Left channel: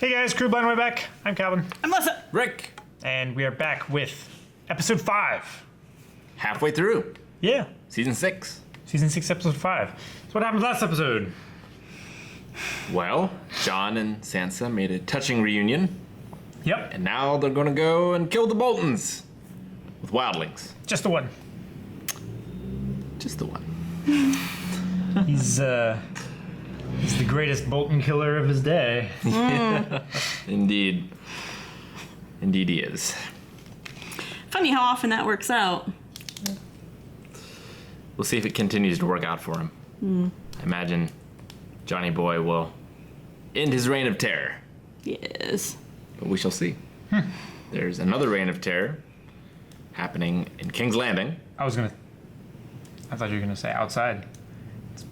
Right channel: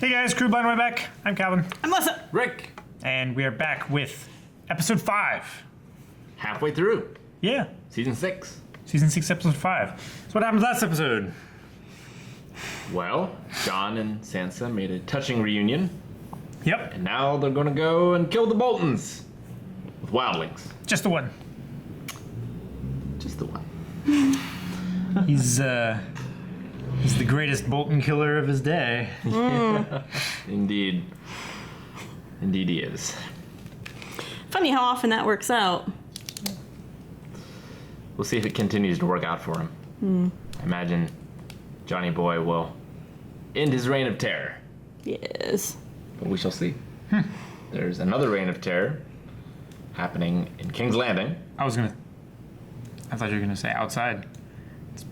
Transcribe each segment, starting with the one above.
Hey guys, Crew Blind Way back. I'm Calvin. I'm Lessa. Rick, And we are back with episode 5. halfway through Yeah, season 6. season 6, episode 5. So what happened last episode? Well, John and Sansa made a touching reunion, Yep, and now they're gonna go and kill the Boltons with wildlings. just the one. Just the one. He's the greatest Bolton killer of his day. Indeed. Indeed he is. Funny how often that works out. We'll see if it continues to work out for him. I imagine Johnny Boy will end his reign of terror. Yes. But we shall see. There's another reign of terror happening in King's Landing. I thought you were gonna say outside. It's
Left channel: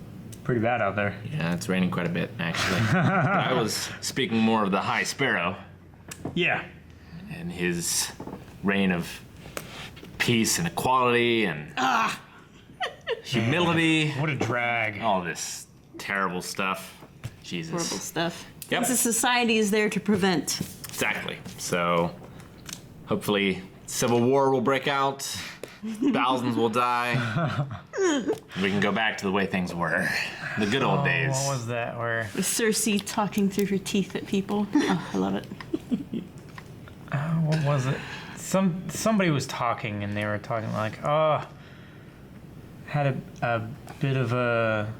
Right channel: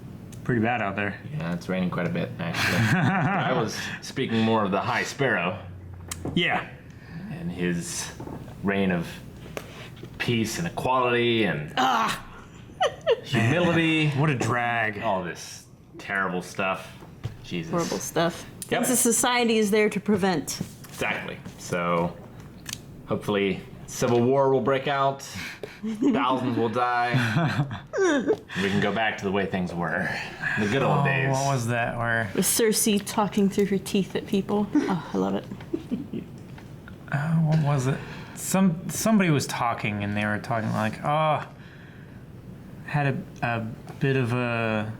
pretty bad out there. Yeah, it's raining quite a bit, actually. But I was speaking more of the High Sparrow Yeah. and his reign of peace and equality and humility. What a drag. All this terrible stuff. Jesus. Horrible stuff. Yep. Things a society is there to prevent. Exactly. So hopefully civil war will break out. Thousands will die. We can go back to the way things were. The good old days. What was that? Where? With Cersei talking through her teeth at people. Oh, I love it. What was it? Somebody was talking and they were talking like, had a bit of a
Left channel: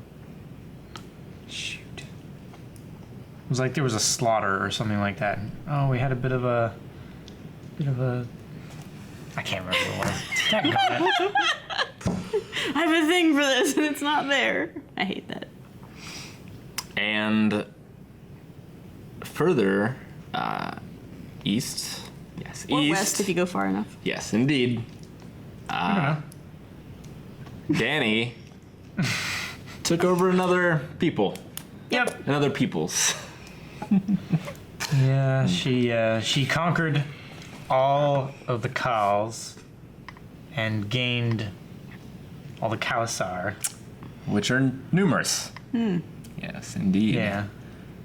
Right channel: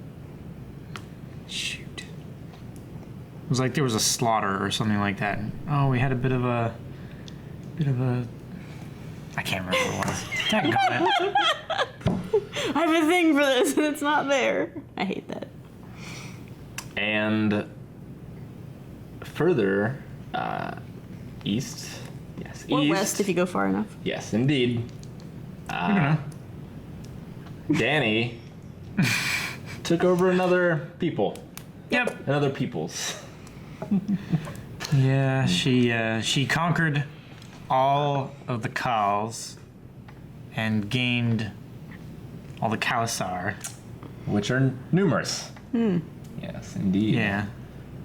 shoot. It was like there was a slaughter or something like that. Oh, we had a bit of a I can't remember what it was. Daggone it. I have a thing for this and it's not there. I hate that. And further east. Yes, Or east. west if you go far enough. Yes, indeed. Danny took over another people. Yep. Another peoples. Yeah, she conquered all of the Khals and gained all the Khalasar. Which are numerous. Yes, indeed. Yeah.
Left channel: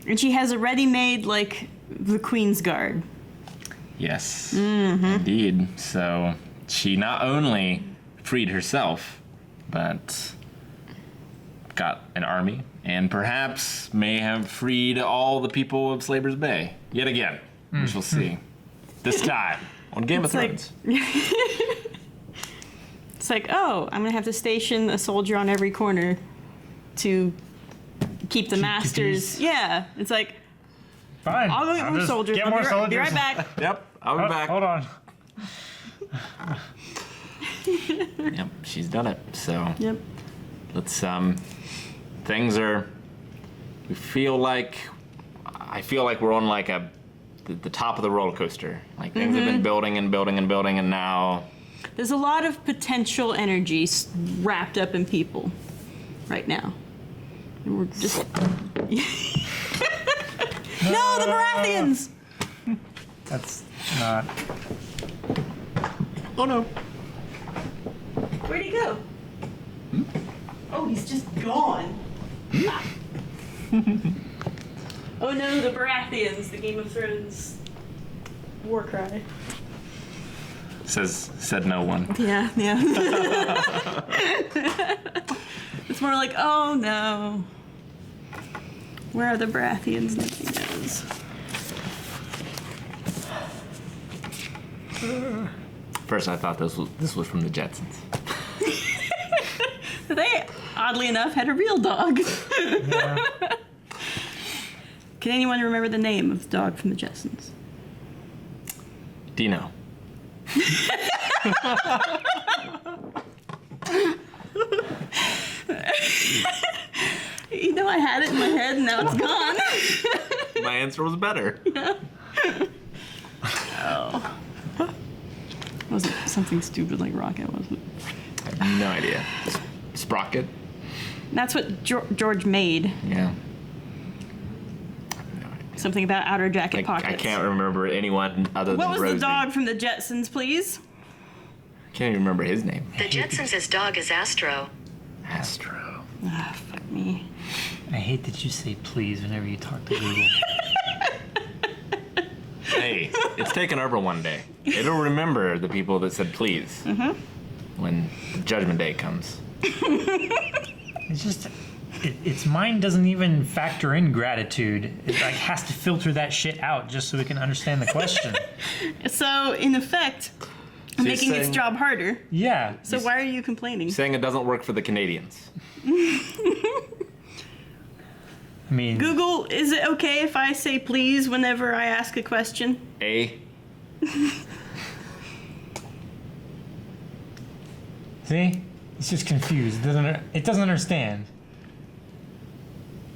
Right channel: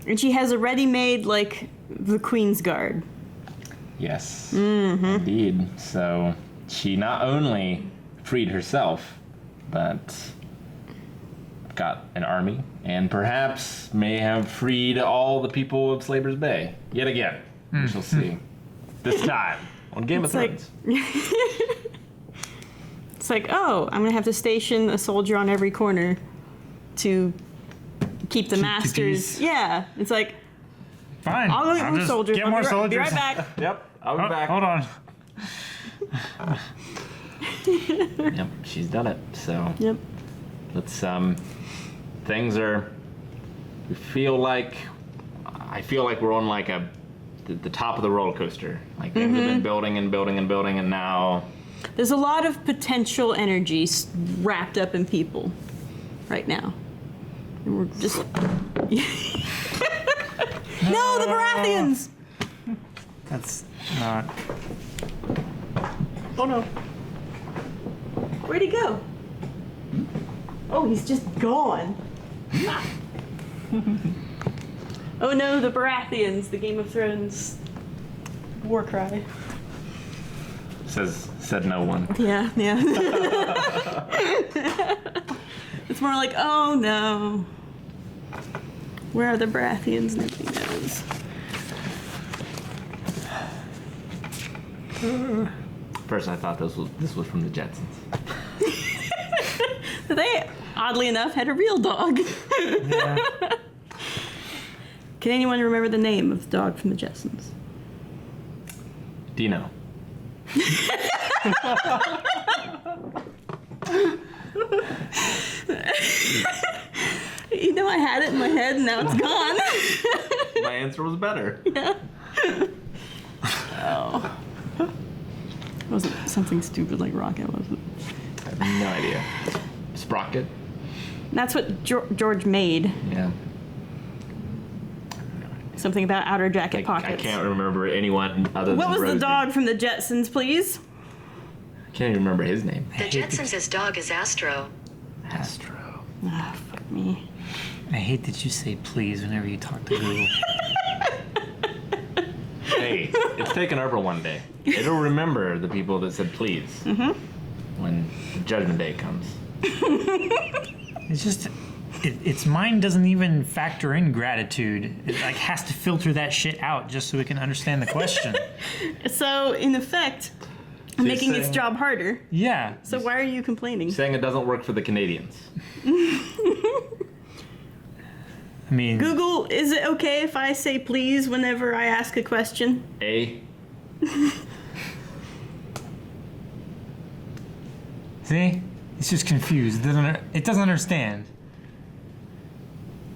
And she has a ready-made, like, the Queen's Guard. Yes, indeed. So she not only freed herself, but got an army, and perhaps may have freed all the people of Slaver's Bay yet again. We shall see. This time on Game of like- Thrones. It's like, oh, I'm going to have to station a soldier on every corner to keep the masters. peace. Yeah. It's like, Fine. I'll go get more just soldiers. Get I'll more be right- soldiers. Be right back. Yep, I'll be back. Hold on. Yep, she's done it. So Yep. let's things are. I feel like we're on like the top of the roller coaster. Like things have been building and building and building, and now There's a lot of potential energy wrapped up in people right now. And we're just... No, the Baratheons! That's not. oh no. Where'd he go? Oh, he's just gone. Oh no, the Baratheons, the Game of Thrones war cry. Said no one. Yeah. It's more like, oh no. Where are the Baratheons? Nobody knows. First, I thought this was from the Jetsons. They, oddly enough, had a real dog. Yeah. Can anyone remember the name of the dog from the Jetsons? Dino. You know, I had it in my head and now it's gone. My answer was better. Oh. It wasn't something stupid like Rocket, was it? I have no idea. Sprocket? That's what George made. Yeah. Something about outer jacket I pockets. can't remember anyone other What than was Rosie. the dog from the Jetsons, please? Can't even remember his name. The Jetsons' dog is Astro. Astro. Oh, fuck me. I hate that you say please whenever you talk to Google. Hey, it's taken over one day. It'll remember the people that said please when Judgment Day comes. It's just, its mind doesn't even factor in gratitude. It like has to filter that shit out just so it can understand the question. So, in effect, So you're making its saying- job harder. Yeah. So why are you complaining? Saying it doesn't work for the Canadians. I mean, Google, is it okay if I say please whenever I ask a question? see? It's just confused. It doesn't understand.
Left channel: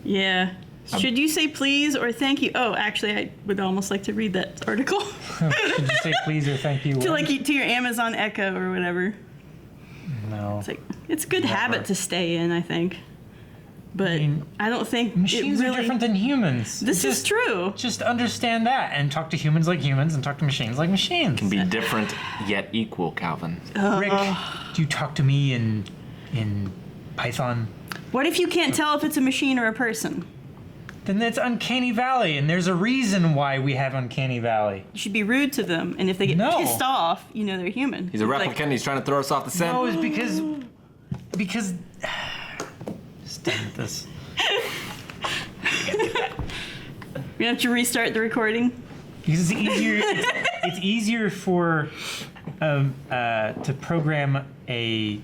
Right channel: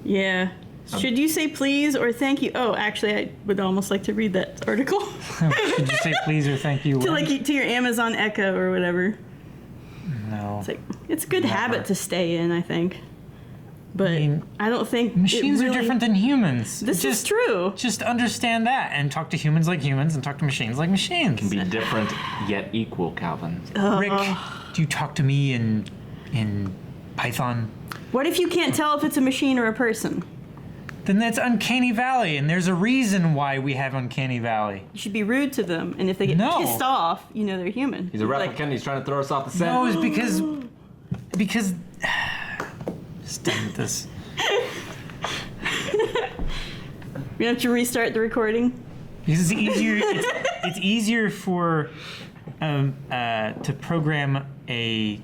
Yeah. Should you say please or thank you? Oh, actually, I would almost like to read that article. Should you say please or thank you? to your Amazon Echo or whatever. No. It's like it's a good habit to stay in, I think. But I don't think Machines it are really, different than humans. This is true. Just understand that and talk to humans like humans and talk to machines like machines. Can be different yet equal, Calvin. Rick, do you talk to me in Python? What if you can't tell if it's a machine or a person? Then that's Uncanny Valley, and there's a reason why we have Uncanny Valley. You should be rude to them, and if they get No. pissed off, you know they're human. He's a Like, replicant. He's trying to throw us off the scent. No, it's because just damn it, this. you have to restart the recording. Because it's easier. It's easier for to program a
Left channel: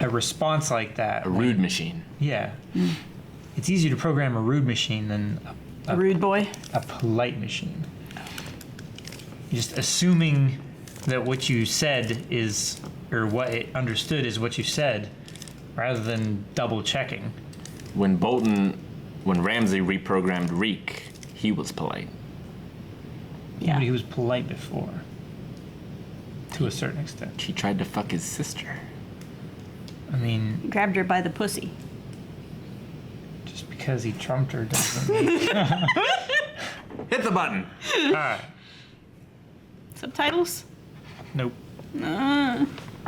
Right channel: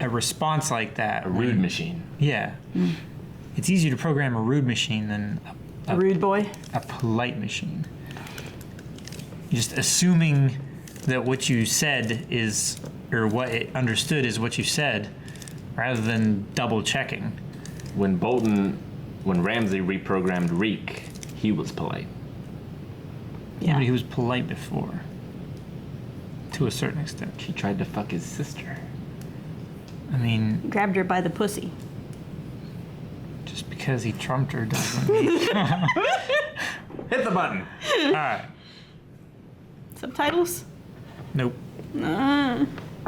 response like that. A rude machine. Yeah. It's easier to program a rude machine than A rude boy. a polite machine. Just assuming that what you said is, or what it understood is what you said, rather than double checking. When Ramsey reprogrammed Reek, he was polite. Yeah. But he was polite before. To a certain extent. He tried to fuck his sister. I mean, Grabbed her by the pussy. just because he trumped her doesn't mean... Hit the button. Subtitles? Nope. Ah.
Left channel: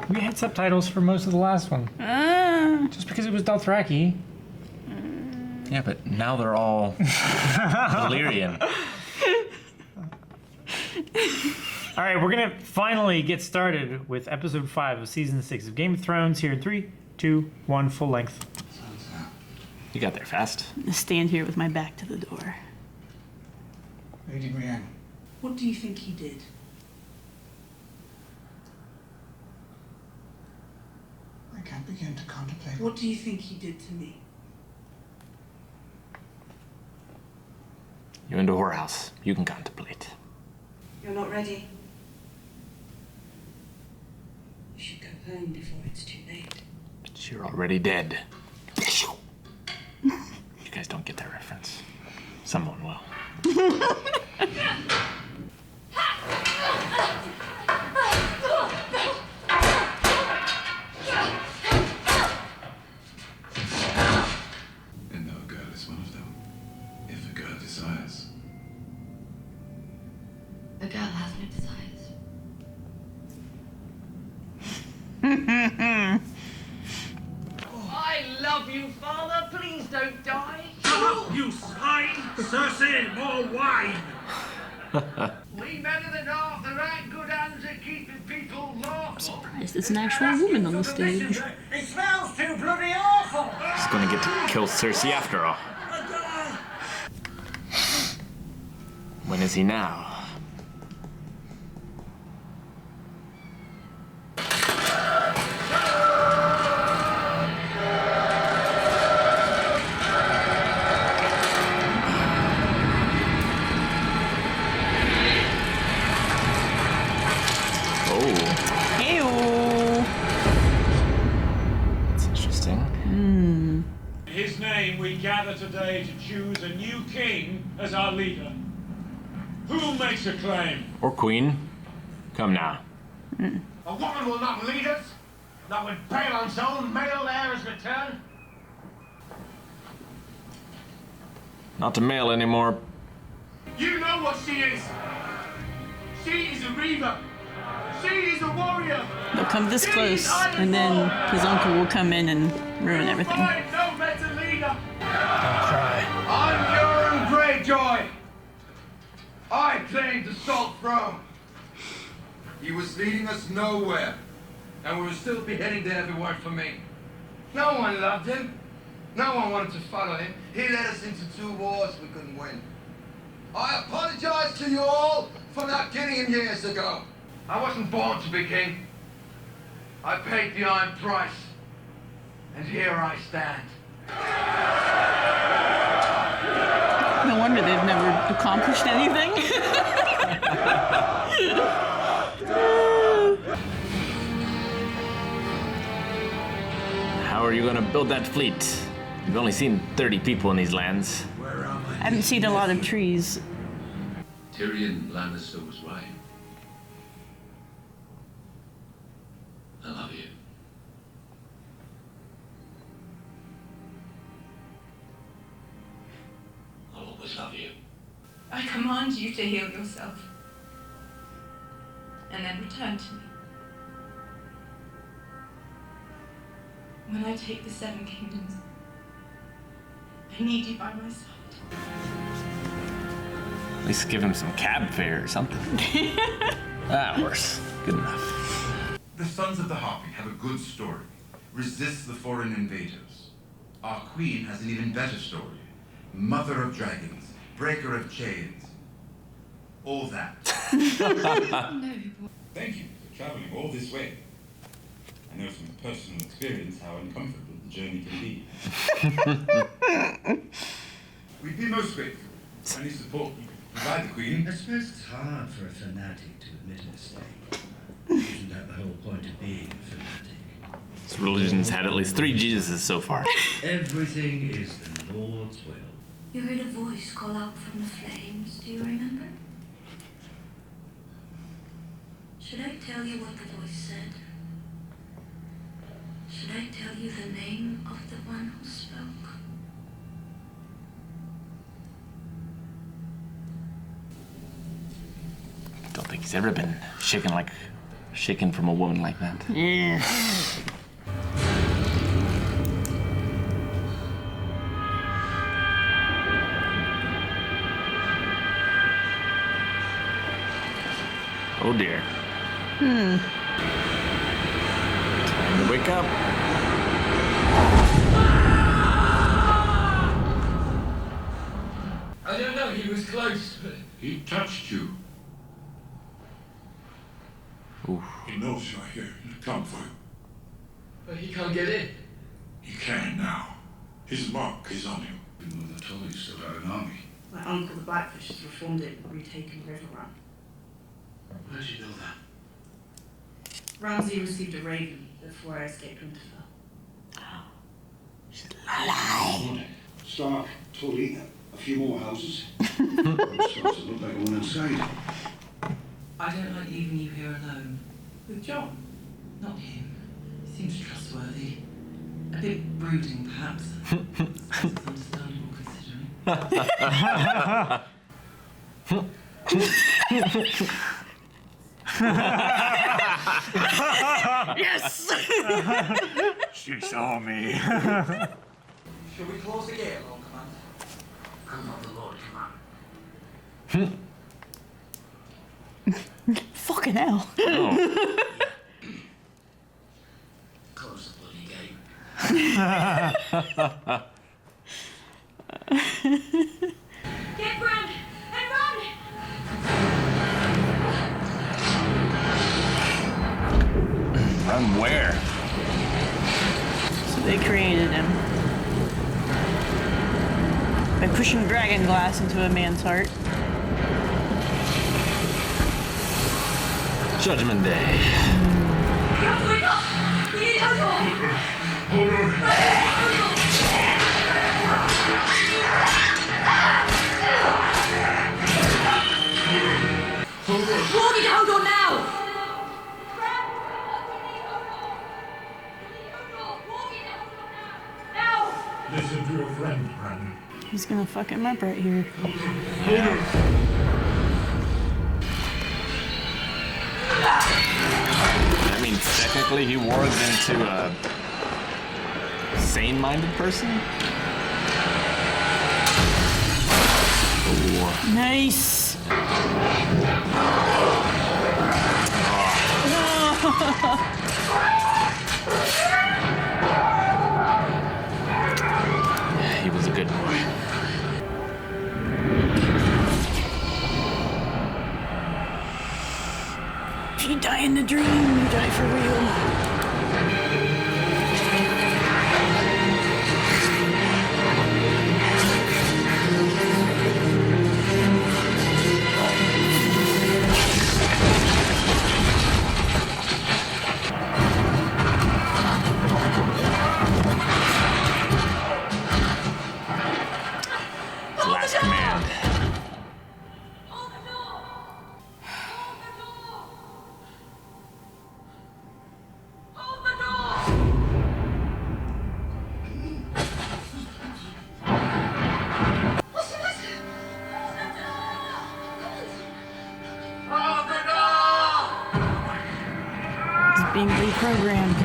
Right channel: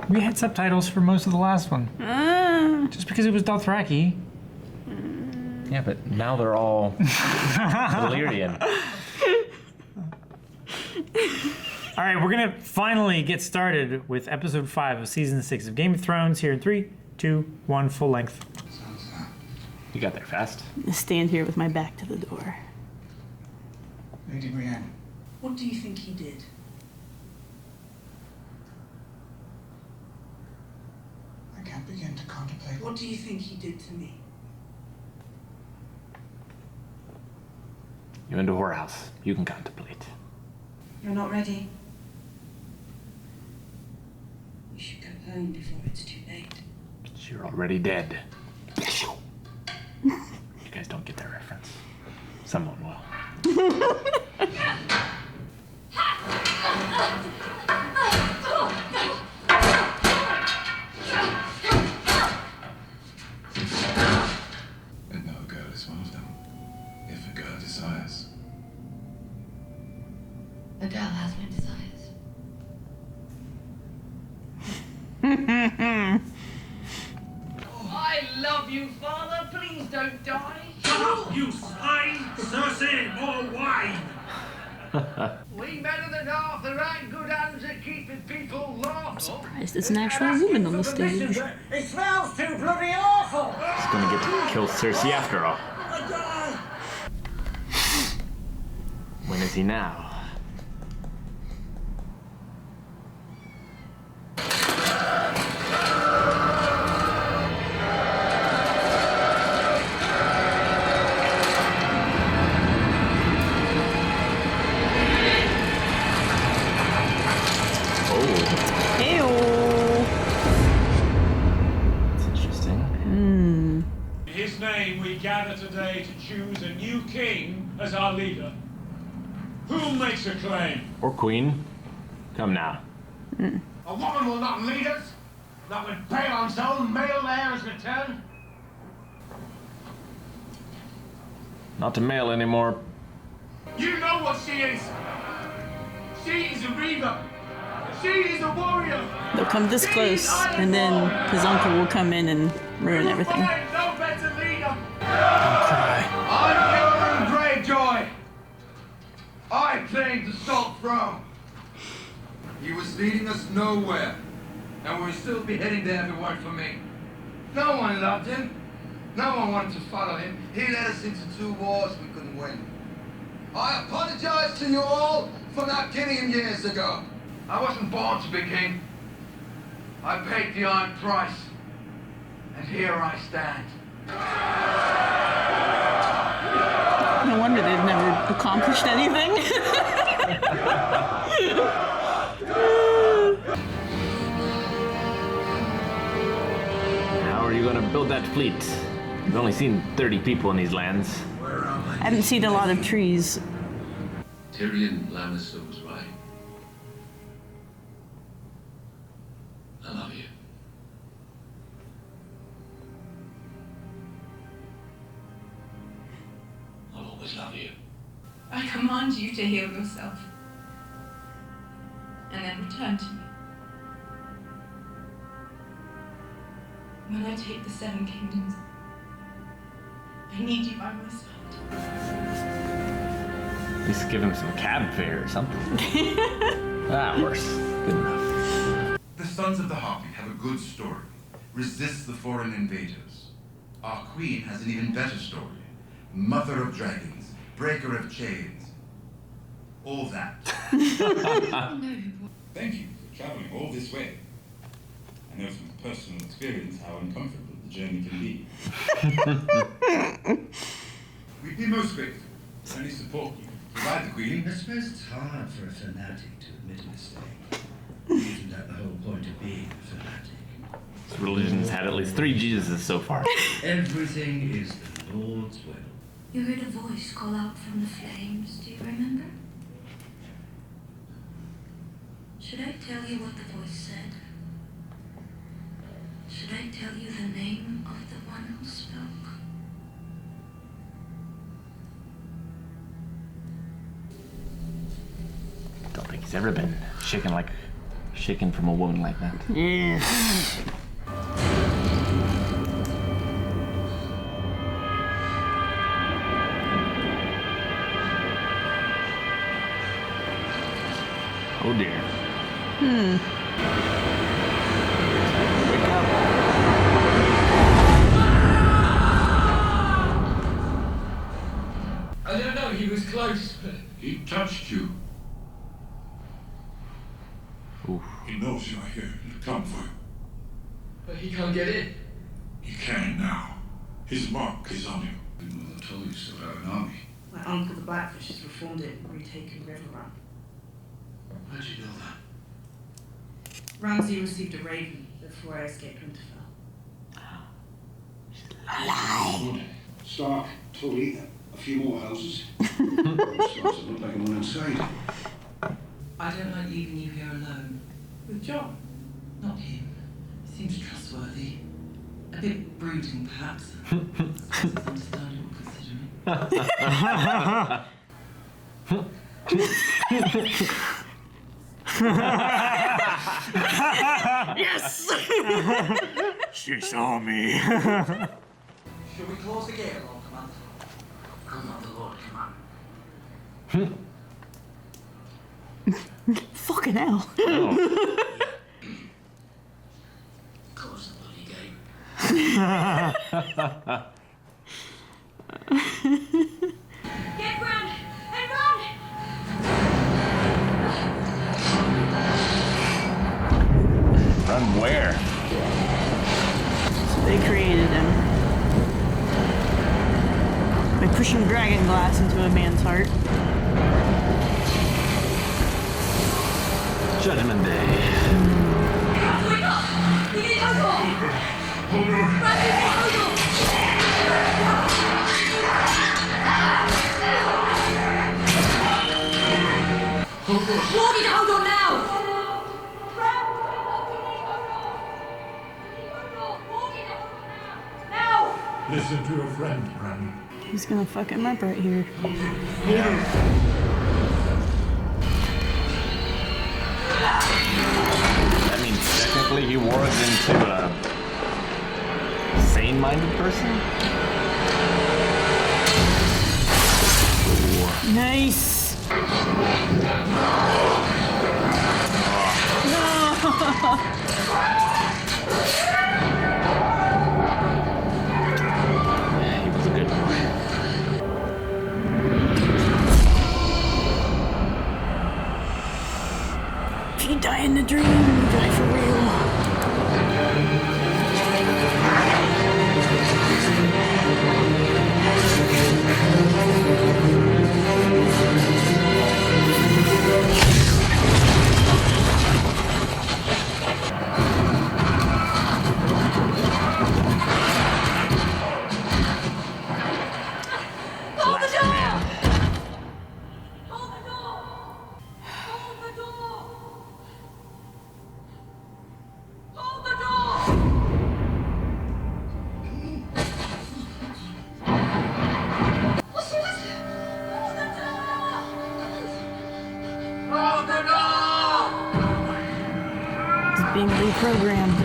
We had subtitles for most of the last one. Ah. Just because it was Dothraki. Yeah, but now they're all Valyrian. All right, we're going to finally get started with episode 5 of season 6 of Game of Thrones here in 3, 2, 1, full length. You got there fast. I stand here with my back to the door. Lady Brienne, What do you think he did? I can't begin to contemplate. What do you think he did to me? You into a whorehouse. You can contemplate. You're not ready. You should go home before it's too late. But you're already dead. You guys don't get that reference. Someone will. And no girl is one of them, if a girl desires. A girl has no desires. I love you, Father. Please don't die. Shut up, you swine! Cersei, more wine! We men of the North are right good hands at keeping people lawful. There's an actual woman on the stage. It smells too bloody awful! He's gonna get to kill Cersei after all. When is he now? Oh, Ew. that's interesting. In his name, we gather today to choose a new king as our leader. Who makes a claim? Or Queen. Come now. A woman will not lead us, not when Balon's own male heir has returned. Not to mail anymore. You know what she is. She is a reaver. She is a warrior. They'll come this close, and then his uncle will come in and ruin You will everything. find no better leader. I'm Euron Greyjoy. I claimed the Salt Throne. He was leading us nowhere. And we would still be heading there if it weren't for me. No one loved him. No one wanted to follow him. He led us into 2 wars we couldn't win. I apologize to you all for not killing him years ago. I wasn't born to be king. I paid the iron price. And here I stand. No wonder they've never accomplished anything. How are you gonna build that fleet? We've only seen 30 people in these lands. Where am I? I haven't seen a lot of trees. Tyrion Lannister was right. I love you. I'll always love you. I command you to heal yourself. And then return to me. When I take the 7 kingdoms, I need you by my side. At least give him some cab fare or something. Worse. Good enough. The Sons of the Harpy have a good story. Resist the foreign invaders. Our queen has an even better story. Mother of dragons, breaker of chains. All that. Thank you for traveling all this way. I know from personal experience how uncomfortable the journey can be. We'd be most grateful for any support you could provide the Queen. I suppose it's hard for a fanatic to admit a mistake. Isn't that the whole point of being a fanatic? This religion's had at least 3 Jesuses so far. Everything is the Lord's will. You heard a voice call out from the flames. Do you remember? Should I tell you what the voice said? Should I tell you the name of the one who spoke? Don't think he's ever been shaken from a woman like that. Yeah. Oh dear. Time to wake up. I don't know, he was close. He touched you. Oof. He knows you're here. He'll come for you. But he can't get in. He can now. His mark is on him. We know that Tully's still got an army. My uncle, the Blackfish, has reformed it and retaken River Run. How'd you know that? Ramsay received a raven before I escaped Winterfell. Good. Stark, Tully, a few more houses. It starts to look like a one inside. I don't like leaving you here alone. With John? Not him. He seems trustworthy. A bit brooding, perhaps. I suppose it's understandable considering. Yes! She saw me. Shall we close the gate, Lord Commander? Could not the Lord command? Fucking hell. Close the bloody gate. Get Bran and run! From where? So they created him. By pushing dragon glass into a man's heart. Judgment Day. We have to wake up! We need Hodor! Hold on. Run, we need Hodor! Walk into Hodor now! Listen to your friend, Bran. He's gonna fuck him up right here. Hold on. I mean, technically he wargs into a sane-minded person? Nice! He was a good boy. If you die in the dream, you die for real. It's being reprogrammed.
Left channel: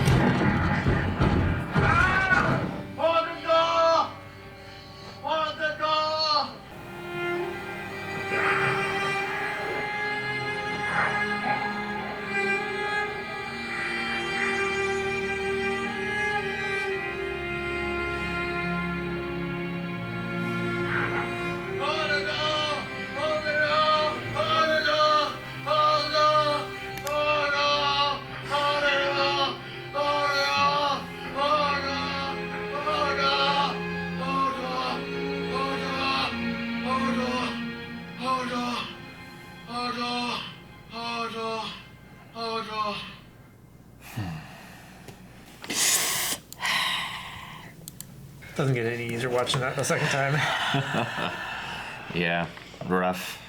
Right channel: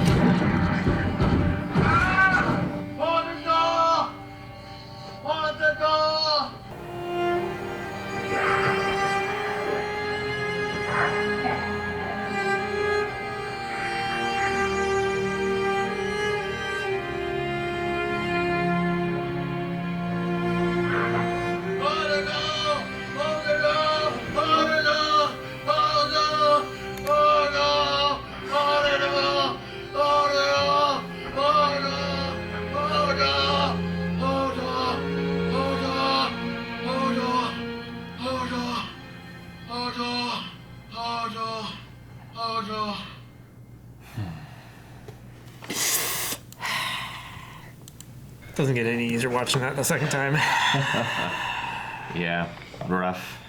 Hold the door! Hold the door! Hold the door! Hold the door! Hold the door! Hold the door! Hold the door! Hold the door! Hold the door! Hold the door! Hold on. Doesn't get any easier watching that the second time. Yeah, rough.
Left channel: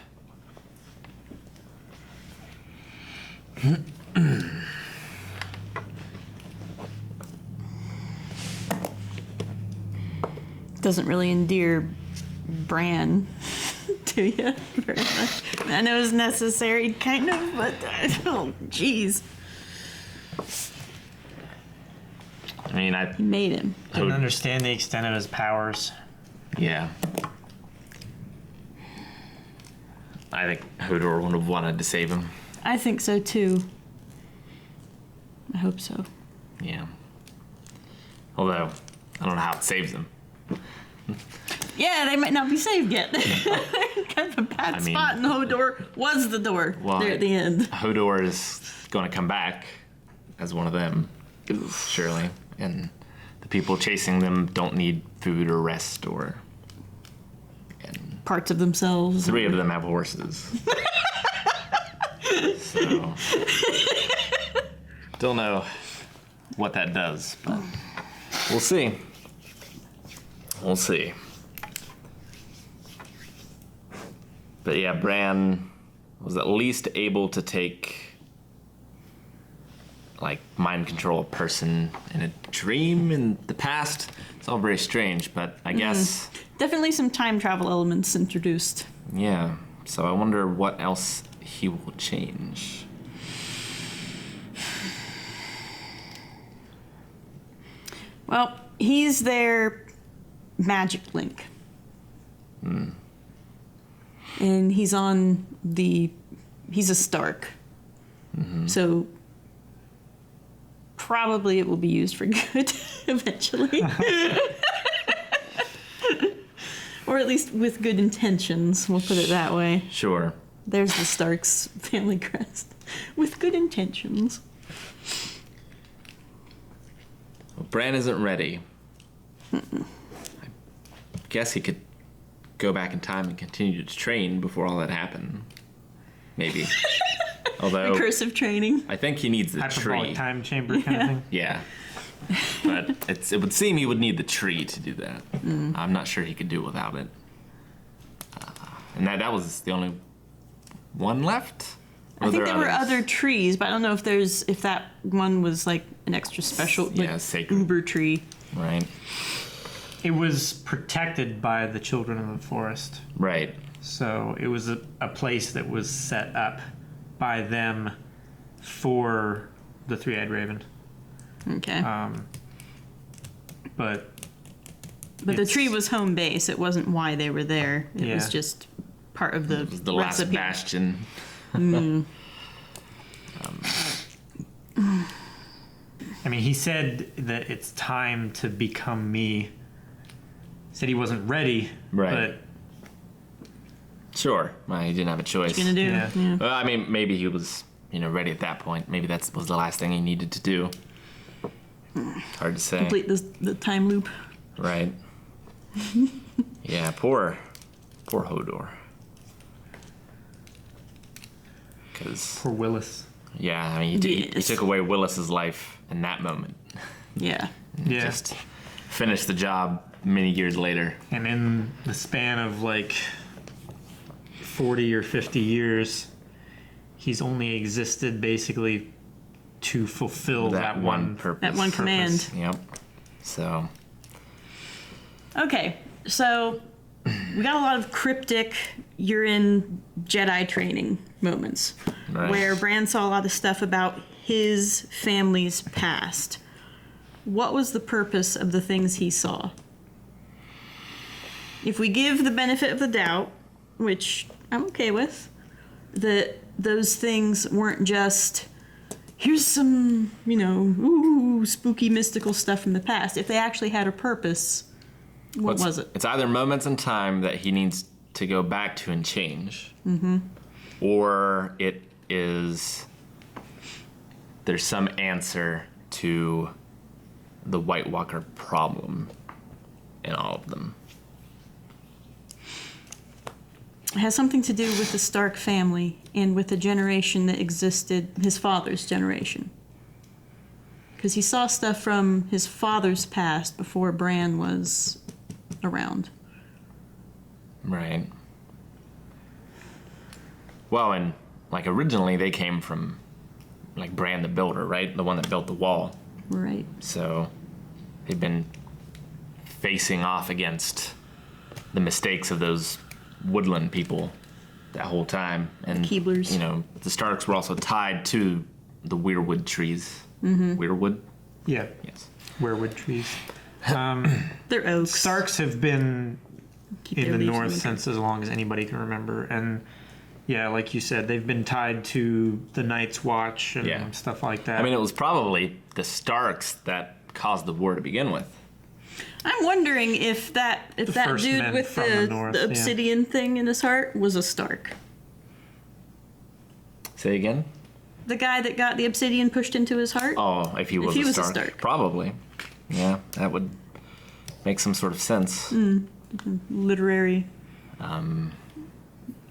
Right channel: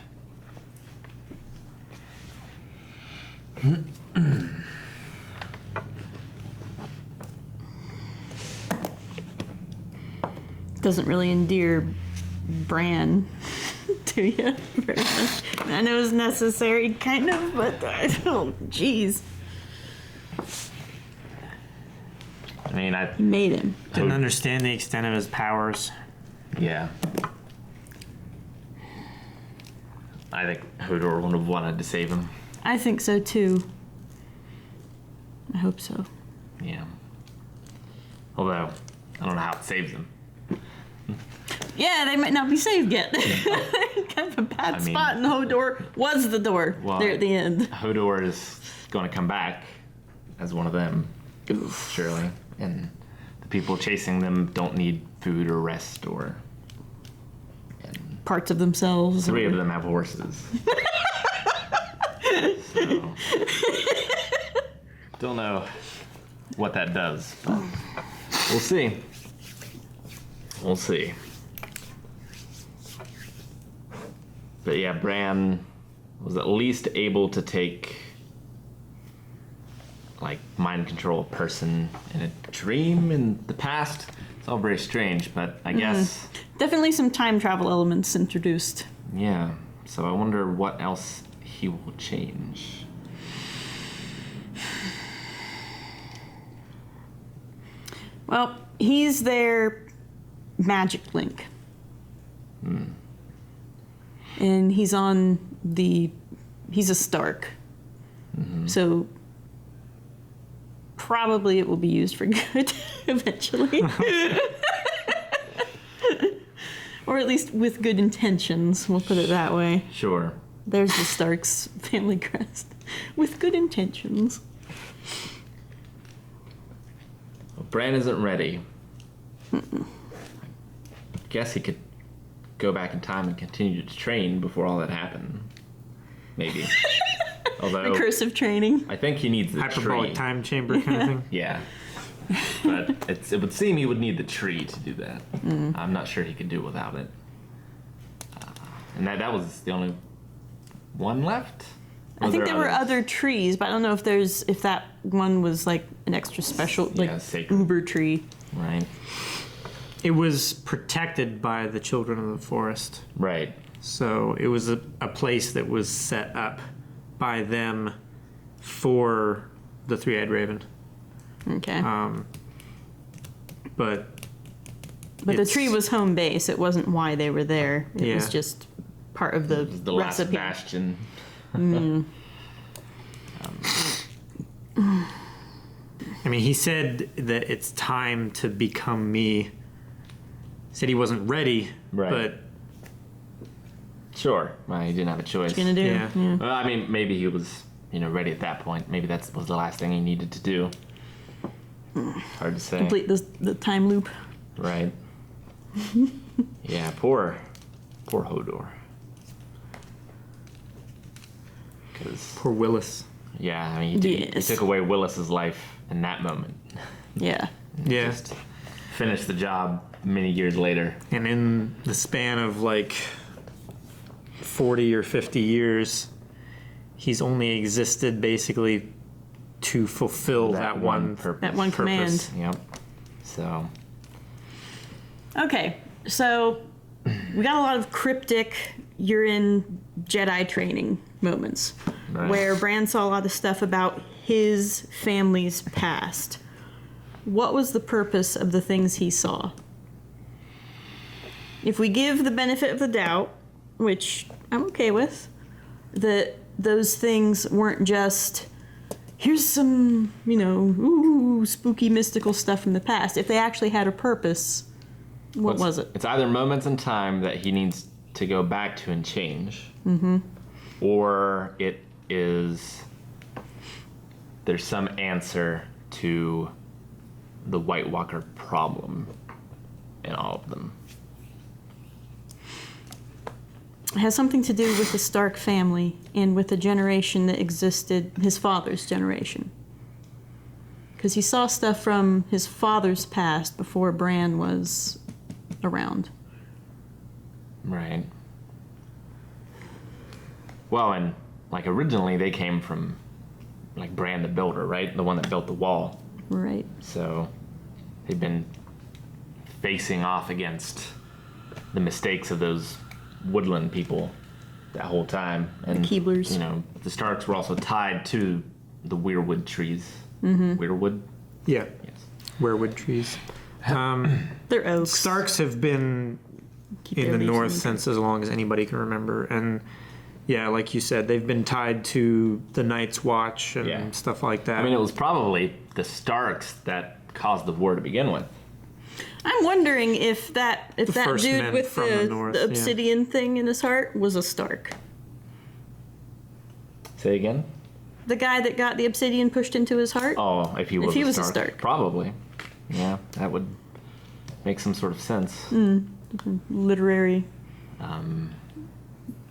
Doesn't really endear Bran to you very much. I know it's necessary, kind of, but oh, jeez. I mean, I He made him. Didn't understand the extent of his powers. yeah. I think Hodor would have wanted to save him. I think so too. I hope so. Yeah. Although, I don't know how it saves him. Yeah, they might not be saved yet. Kind of a bad spot, and Hodor was the door there at the end. Hodor is going to come back as one of them, surely. And the people chasing them don't need food or rest or... Parts of themselves. Three of them have horses. So, don't know what that does, but we'll see. We'll see. But yeah, Bran was at least able to take, like, mind control a person in a dream in the past. It's all very strange, but I guess... Definitely some time travel elements introduced. Yeah, so I wonder what else he will change. Well, he's their magic link. And he's a Stark. So probably it will be used for good eventually. Or at least with good intentions, we'll put it that way. Sure. There's the Stark's family crest. With good intentions. Well, Bran isn't ready. I guess he could go back in time and continue to train before all that happened. Maybe. Although... Recursive training. I think he needs the Hyperbolic tree. time chamber kind of thing. Yeah. But it would seem he would need the tree to do that. I'm not sure he could do it without it. And that was the only one left? I think there were other trees, but I don't know if that one was like an extra special, like sacred. uber tree. Right. It was protected by the children of the forest. Right. So it was a place that was set up by them for the Three-Eyed Raven. Okay. But the tree was home base. It wasn't why they were there. It was Yeah. just part of the last recipe. bastion. I mean, he said that it's time to become me. Said he wasn't ready, Right. but Sure. Well, he didn't have a choice. What you gonna do? Yeah. Yeah. Well, I mean, maybe he was, ready at that point. Maybe that was the last thing he needed to do. Hard to say. Complete the time loop. Right. Yeah, poor Hodor. Because, poor Willis. yeah, I mean, he Yes. took away Willis's life in that moment. Yeah. Yeah. Just finished the job many years later. And in the span of like 40 or 50 years, he's only existed basically to fulfill that one purpose. That one command. Yep. So, Okay, so we got a lot of cryptic, you're in Jedi training moments Right. where Bran saw a lot of stuff about his family's past. What was the purpose of the things he saw? If we give the benefit of the doubt, which I'm okay with, that those things weren't just, here's some, ooh, spooky, mystical stuff from the past. If they actually had a purpose, what was it? It's either moments in time that he needs to go back to and change, or it is there's some answer to the White Walker problem in all of them. It has something to do with the Stark family and with the generation that existed, his father's generation. Because he saw stuff from his father's past before Bran was around. Right. Well, and like originally they came from like Bran the Builder, right? The one that built the wall. Right. So they've been facing off against the mistakes of those woodland people that whole time. And Keeblers. The Starks were also tied to the weirwood trees. Weirwood? Yeah. Yes. Weirwood trees. They're oaks. Starks have been Keep in their the leaves north winter. since as long as anybody can remember. And yeah, like you said, they've been tied to the Night's Watch and Yeah. stuff like that. I mean, it was probably the Starks that caused the war to begin with. I'm wondering if that first dude men with from the north, yeah. obsidian thing in his heart was a Stark. Say again? The guy that got the obsidian pushed into his heart? Oh, if he was, a Stark. Stark. Probably. Yeah, that would make some sort of sense. Literary,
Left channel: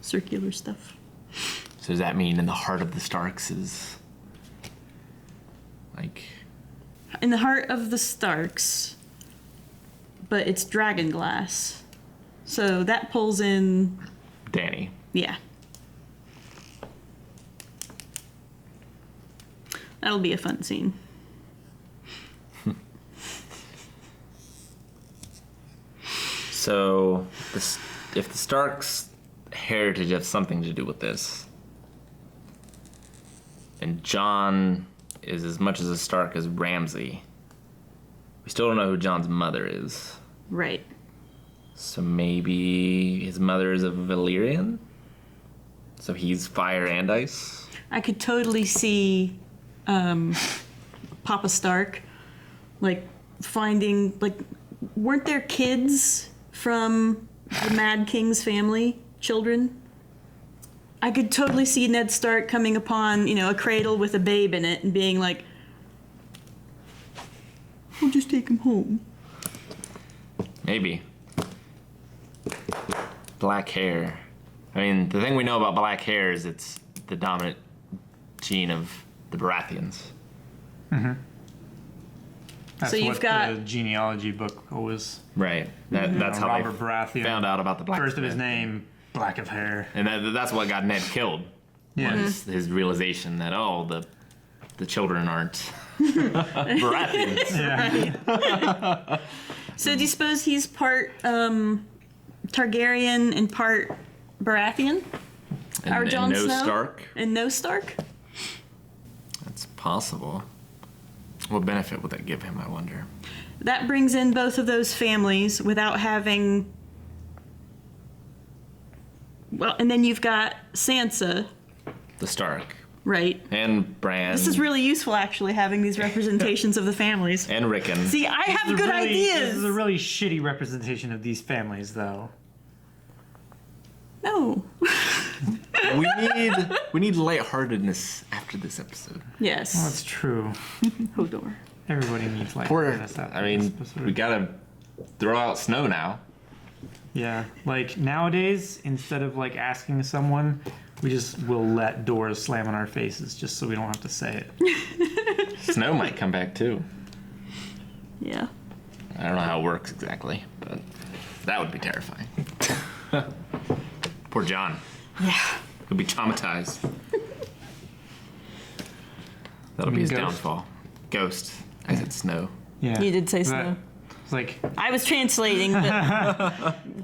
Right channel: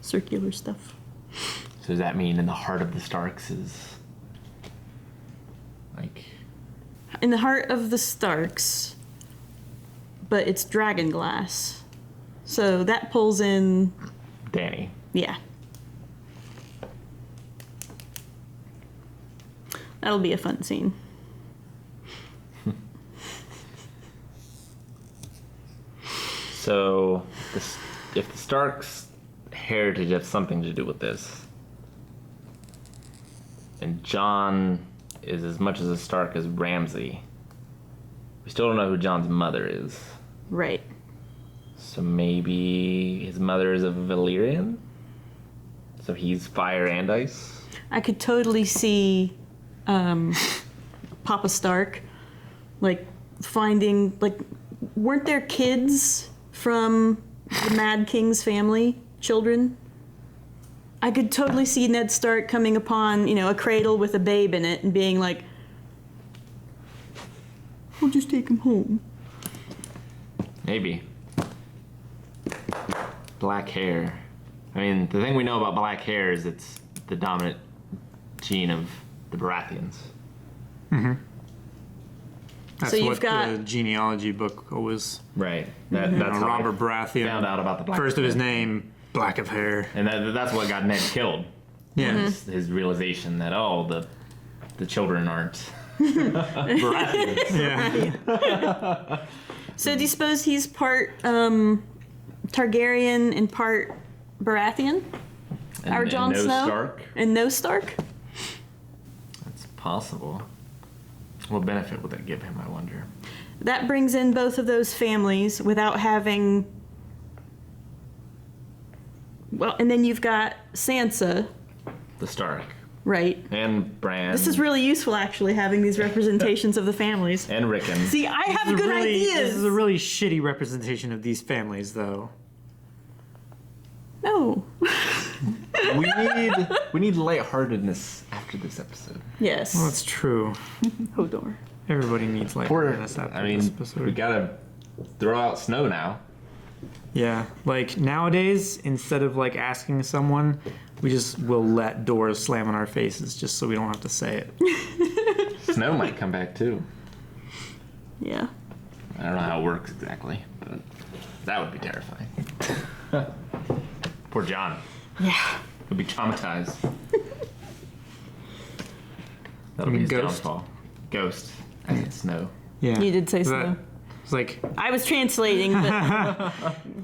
circular stuff. So does that mean in the heart of the Starks is like In the heart of the Starks, but it's dragon glass. So that pulls in, Dany? yeah. That'll be a fun scene. So if the Starks' heritage has something to do with this, and Jon is as much as a Stark as Ramsay, we still don't know who Jon's mother is. Right. So maybe his mother is a Valyrian? So he's fire and ice? I could totally see Papa Stark, finding, weren't there kids from the Mad King's family, children? I could totally see Ned Stark coming upon, a cradle with a babe in it and being like, we'll just take him home. Maybe. Black hair. I mean, the thing we know about black hair is it's the dominant gene of the Baratheons. That's So you've what got- the genealogy book was. Right. That's how Robert they Baratheon found out about the black first of his hair. name, black of hair. And that's what got Ned killed. Yeah. His realization that, the children aren't Baratheons. Yeah. So do you suppose he's part Targaryen and part Baratheon? Our Jon no Snow? Stark. And no Stark? That's possible. What benefit would that give him, I wonder? That brings in both of those families without having... Well, and then you've got Sansa. The Stark. Right. And Bran. This is really useful, actually, having these representations of the families. And Rickon. See, I have good This ideas. is a really shitty representation of these families, though. No. We need lightheartedness after this episode. Yes. Well, that's true. Hodor. Everybody needs like. We gotta throw out Snow now. Yeah, like nowadays, instead of like asking someone, we just will let doors slam in our faces just so we don't have to say it. Snow might come back too. Yeah. I don't know how it works exactly, but that would be terrifying. Poor John. Yeah. He'll be traumatized. That'll be his Ghost. downfall. Ghost. I said Snow. Yeah. You did say That- Snow. It's like I was translating, but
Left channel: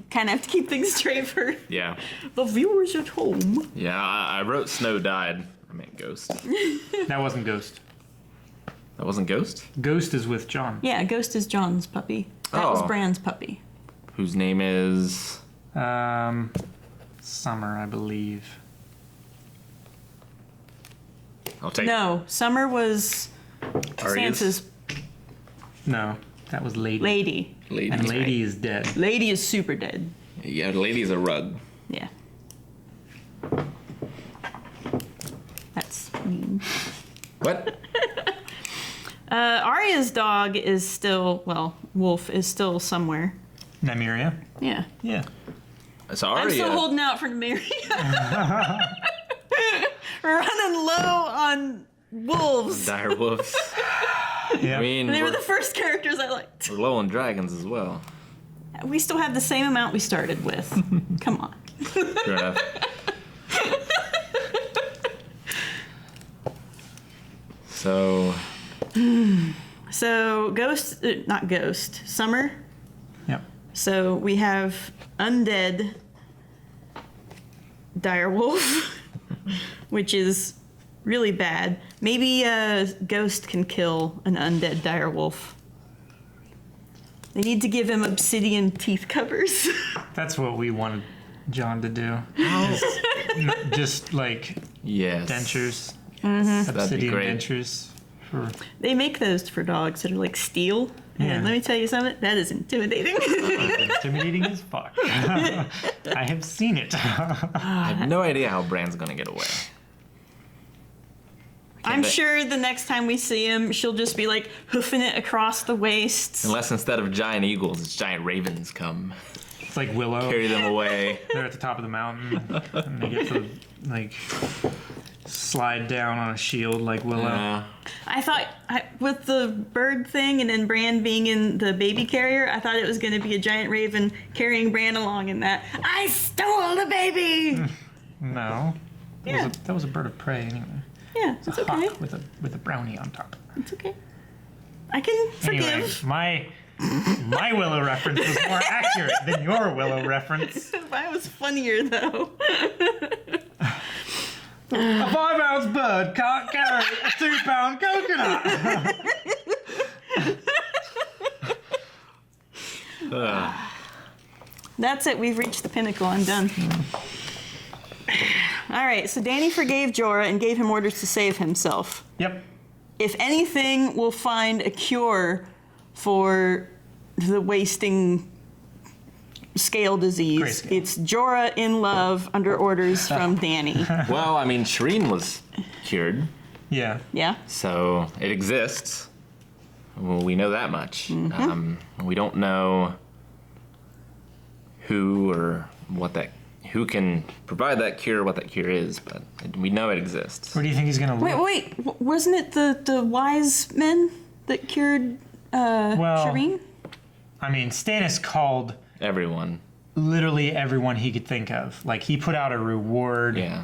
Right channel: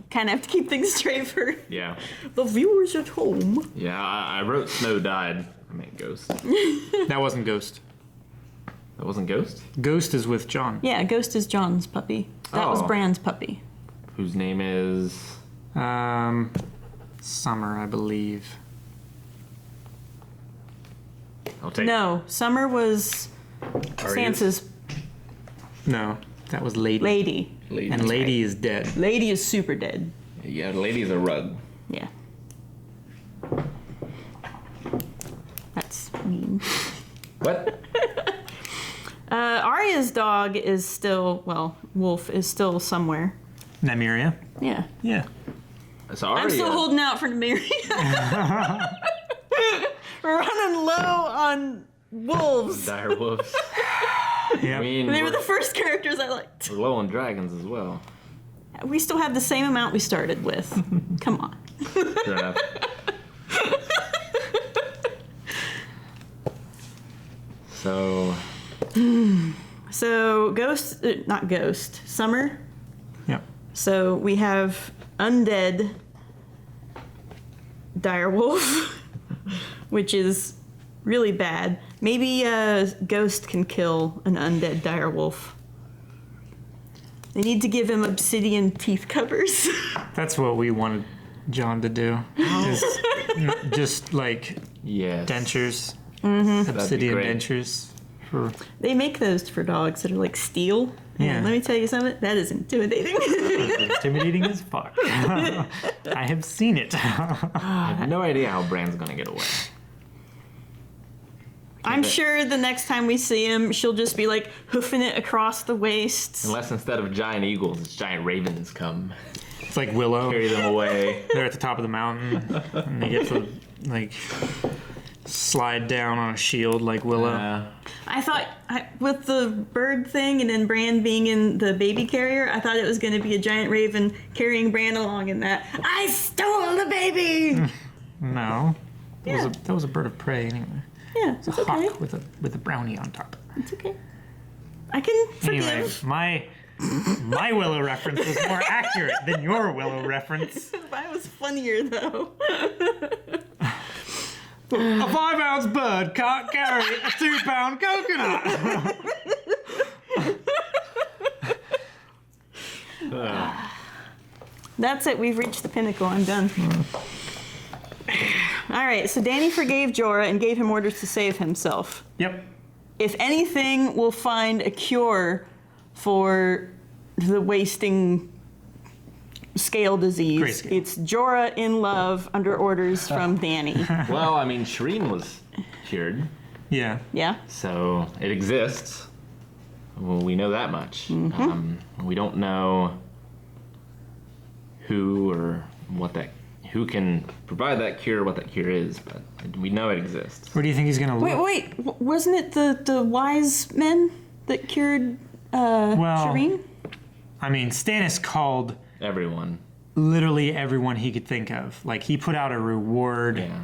kind of have to keep things straight for Yeah. the viewers at home. Yeah, I wrote Snow died. I meant Ghost. that wasn't Ghost. That wasn't Ghost? Ghost is with John. Yeah, Ghost is John's puppy. That was Oh. Bran's puppy. Whose name is... Summer, I believe. I'll take No, Summer was Arya's? Sansa's No, that was Lady. lady. Lady. And Lady is dead. Lady is super dead. Yeah, Lady's a rug. Yeah. That's mean. What? Arya's dog is still, well, Wolf is still somewhere. Nymeria. Yeah. Yeah. It's I'm Arya. still holding out for Nymeria. Running low on wolves. Dire wolves. Yeah. I mean, They were the we're first characters I liked. low on dragons as well. We still have the same amount we started with. Come on. Fair enough. So, So, Ghost, not Ghost, Summer. Yep. So, we have undead direwolf, which is really bad. Maybe Ghost can kill an undead direwolf. They need to give him obsidian teeth covers. That's what we wanted John to do. Just like yes. dentures. Mm-hmm. That'd be Obsidian great. dentures. For They make those for dogs that are like steel. Yeah. And let me tell you something, that is intimidating. intimidating as fuck. I have seen it. I have no idea how Bran's gonna get away. I'm sure the next time we see him, she'll just be like hoofing it across the waist. Unless instead of giant eagles, it's giant ravens come. It's like Willow. Carry them away. They're at the top of the mountain. And they get to like slide down on a shield like Willow. I thought, with the bird thing and then Bran being in the baby carrier, I thought it was going to be a giant raven carrying Bran along in that. I stole the baby! No. Yeah. That was a bird of prey anyway. Yeah, it's a okay. hawk with a brownie on top. It's okay. I can forgive. Anyway, my Willow reference is more accurate than your Willow reference. That was funnier, though. A 5-ounce bird can't carry a 2-pound coconut. That's it. We've reached the pinnacle. I'm done. All right. So Dany forgave Jorah and gave him orders to save himself. Yep. If anything, we'll find a cure for the wasting scale disease. Grayscale. It's Jorah in love under orders from Dany. Well, I mean, Shireen was cured, Yeah. Yeah. so it exists. Well, we know that much. We don't know who or who can provide that cure, what that cure is, but we know it exists. Where do you think he's gonna look? Wait. Wasn't it the wise men that cured Shireen? I mean, Stannis called Everyone. literally everyone he could think of. Like, he put out a reward Yeah.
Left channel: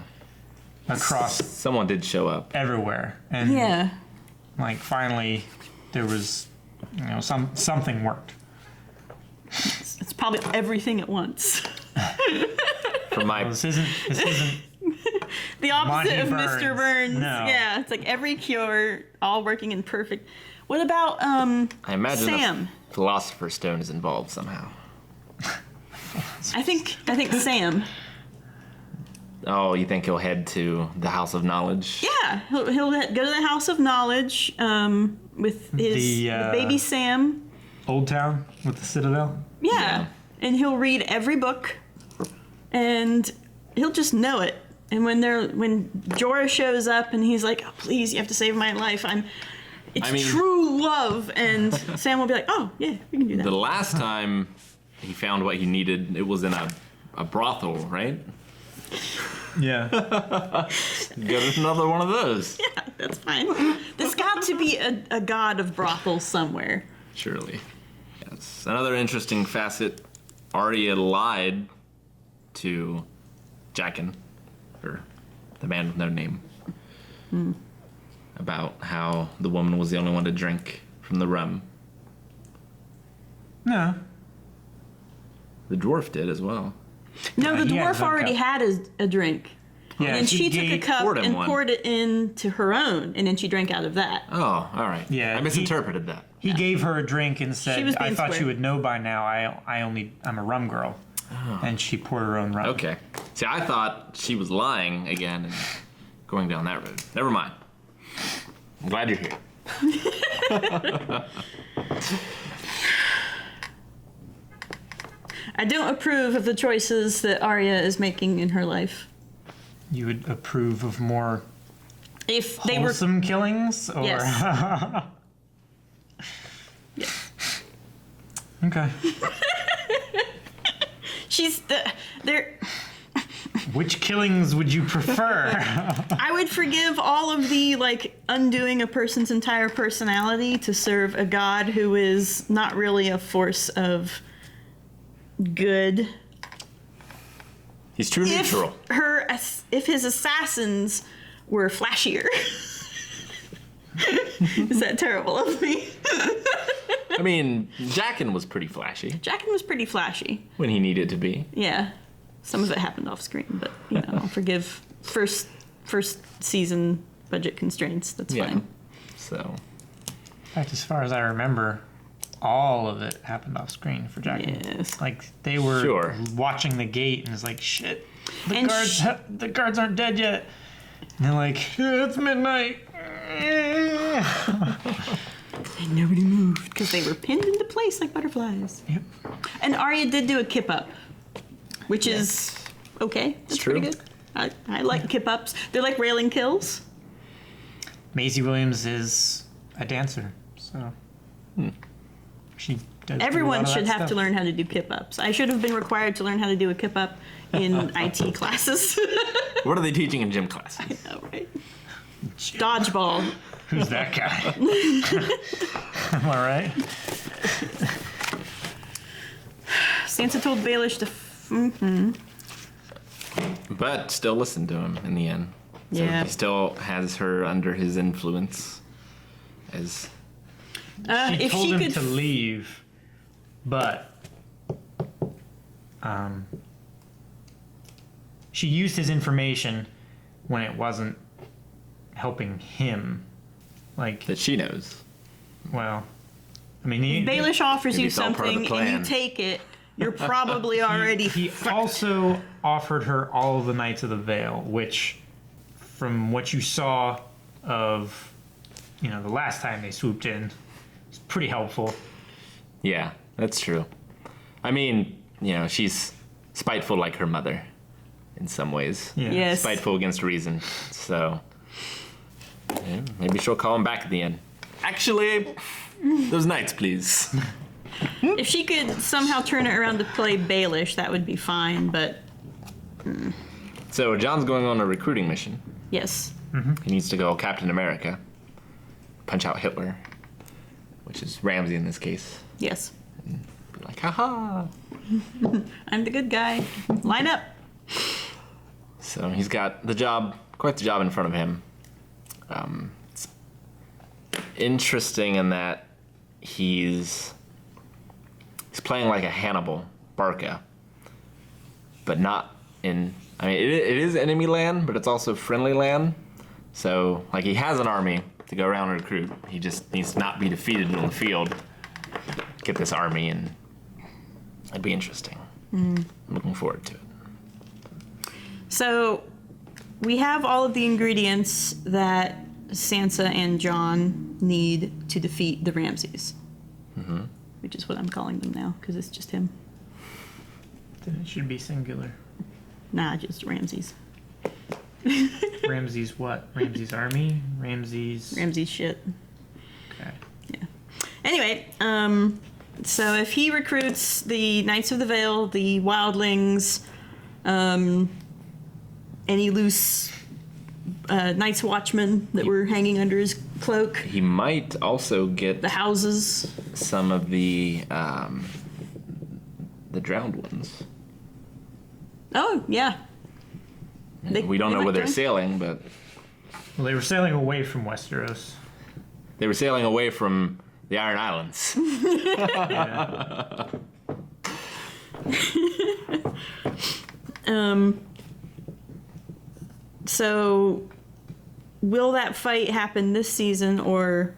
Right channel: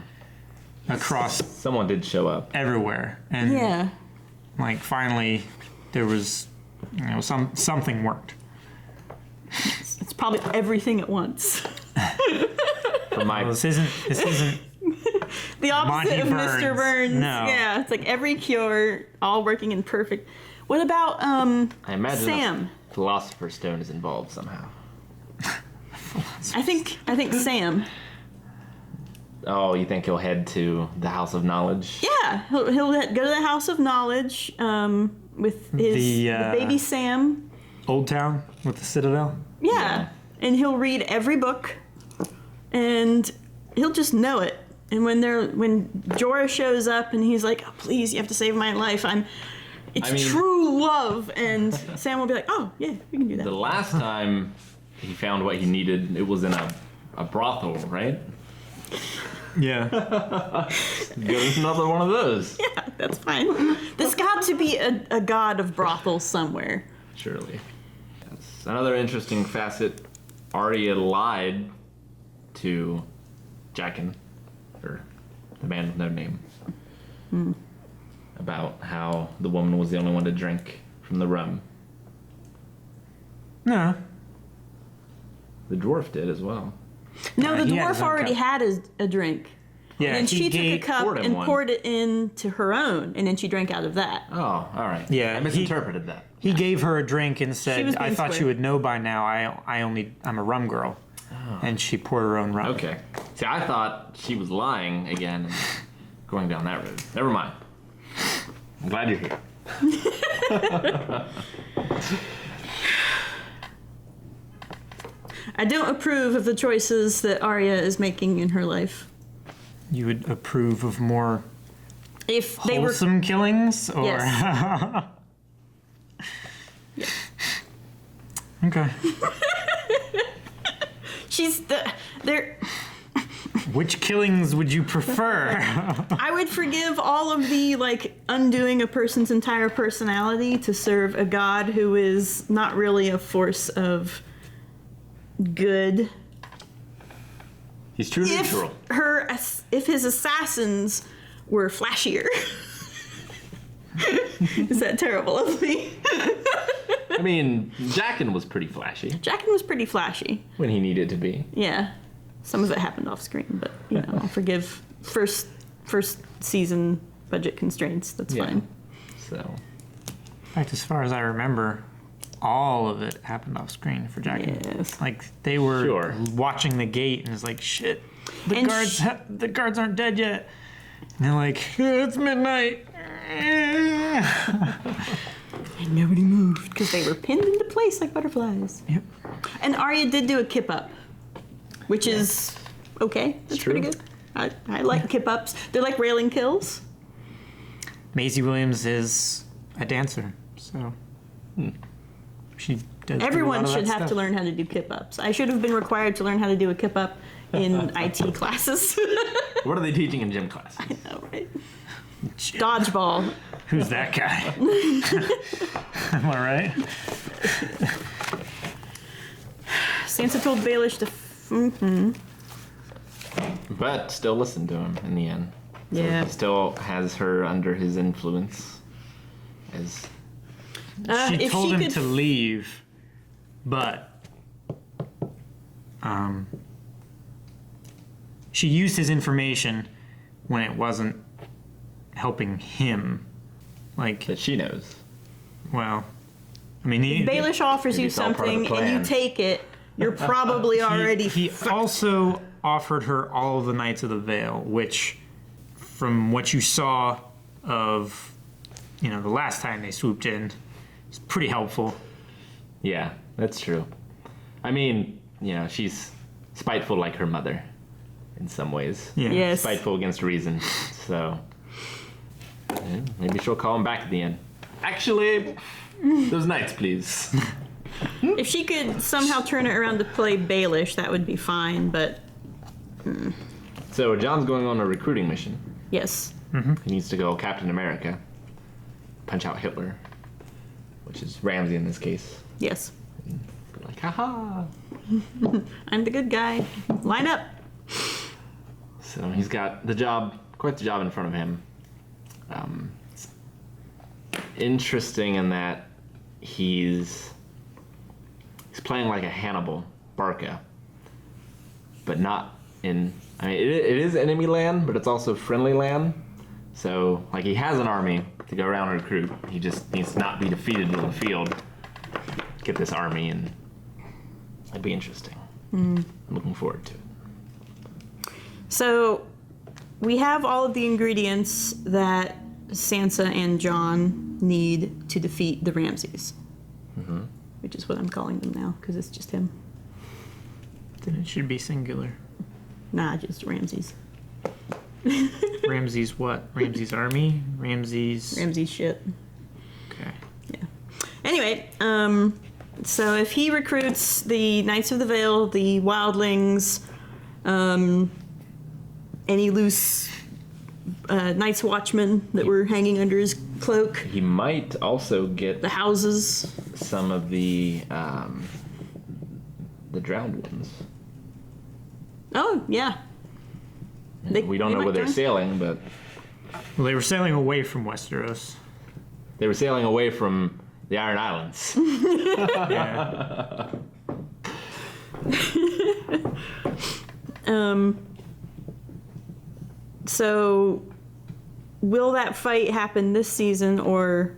across Someone did show up. everywhere. And, Yeah. like, finally, there was, something worked. It's probably everything at once. For my Well, this isn't The opposite Monty of Burns. Mr. Burns. No. Yeah, it's like every cure, all working in perfect. What about I imagine Sam? a Philosopher's Stone is involved somehow. I think Sam. Oh, you think he'll head to the House of Knowledge? Yeah, he'll go to the House of Knowledge with with baby Sam. Old Town with the Citadel? Yeah. And he'll read every book, and he'll just know it. And when Jorah shows up and he's like, oh, please, you have to save my life. It's true love. And Sam will be like, oh, yeah, we can do that. The last time he found what he needed, it was in a brothel, right? Yeah. Go to another one of those. Yeah, that's fine. There's got to be a god of brothels somewhere. Surely. Yes. Another interesting facet, Arya lied to Jaqen, or the man with no name, about how the woman was the only one to drink from the rum. No. The dwarf did as well. No, the dwarf already had a drink. Yeah, and then she took a cup and poured it into her own, and then she drank out of that. Oh, all right. Yeah, I misinterpreted that. He gave her a drink and She said, was I being thought square. you would know by now, I'm a rum girl. Oh. And she poured her own rum. Okay. See, I thought she was lying again and going down that road. Never mind. I'm glad you're here. I don't approve of the choices that Arya is making in her life. You would approve of more If they were wholesome killings? Or... Yes. Okay. they're Which killings would you prefer? I would forgive all of the undoing a person's entire personality to serve a god who is not really a force of good. He's too neutral. If his assassins were flashier. Is that terrible of me? I mean, Jaqen was pretty flashy. Jaqen was pretty flashy. When he needed to be. Yeah. Some of it happened off screen, but I'll forgive first season budget constraints. That's fine. So, In fact, as far as I remember, all of it happened off screen for Jaqen. Yes. They were Sure. watching the gate and it's like, shit, And the guards aren't dead yet. And they're like, it's midnight. And nobody moved because they were pinned into place like butterflies. Yep. And Arya did do a kip up, which is okay. It's true. pretty good. I like kip ups. They're like railing kills. Maisie Williams is a dancer, so she does Everyone should have to learn how to do kip ups. I should have been required to learn how to do a kip up in IT classes. what are they teaching in gym class? I know, right? Dodgeball. Who's that guy? Am I right? Sansa told Baelish to. But still listened to him in the end. So Yeah. he still has her under his influence. As She If told she him could to leave, but she used his information when it wasn't helping him. that she knows. Well, I mean, Baelish offers Maybe you it's all part of the something and you plan. take it, you're probably already he also offered her all of the Knights of the Vale, which, from what you saw of, the last time they swooped in, is pretty helpful. Yeah, that's true. I mean, she's spiteful like her mother in some ways. Yeah. Yes. Spiteful against reason. So, maybe she'll call him back at the end. Actually, those knights, please. If she could somehow turn it around to play Baelish, that would be fine, but So, John's going on a recruiting mission. yes. He needs to go Captain America, punch out Hitler, which is Ramsay in this case. Yes. But like, haha. I'm the good guy. Line up. So he's got quite the job in front of him. It's interesting in that he's playing like a Hannibal Barca, but not in. I mean, it is enemy land, but it's also friendly land. So he has an army to go around and recruit. He just needs to not be defeated in the field. Get this army, and it'd be interesting. I'm looking forward to it. So we have all of the ingredients that Sansa and Jon need to defeat the Ramsays. Mm-hmm. Which is what I'm calling them now, because it's just him. Then it should be singular. Nah, just Ramses. Ramses what? Ramses army? Ramses shit. Okay. Yeah. Anyway, so if he recruits the Knights of the Vale, the Wildlings, any loose Night's Watchmen that were hanging under his cloak. He might also get the houses. Some of the drowned ones. Oh, yeah. We don't know where they're sailing, but... Well, they were sailing away from Westeros. They were sailing away from the Iron Islands. So, will that fight happen this season, or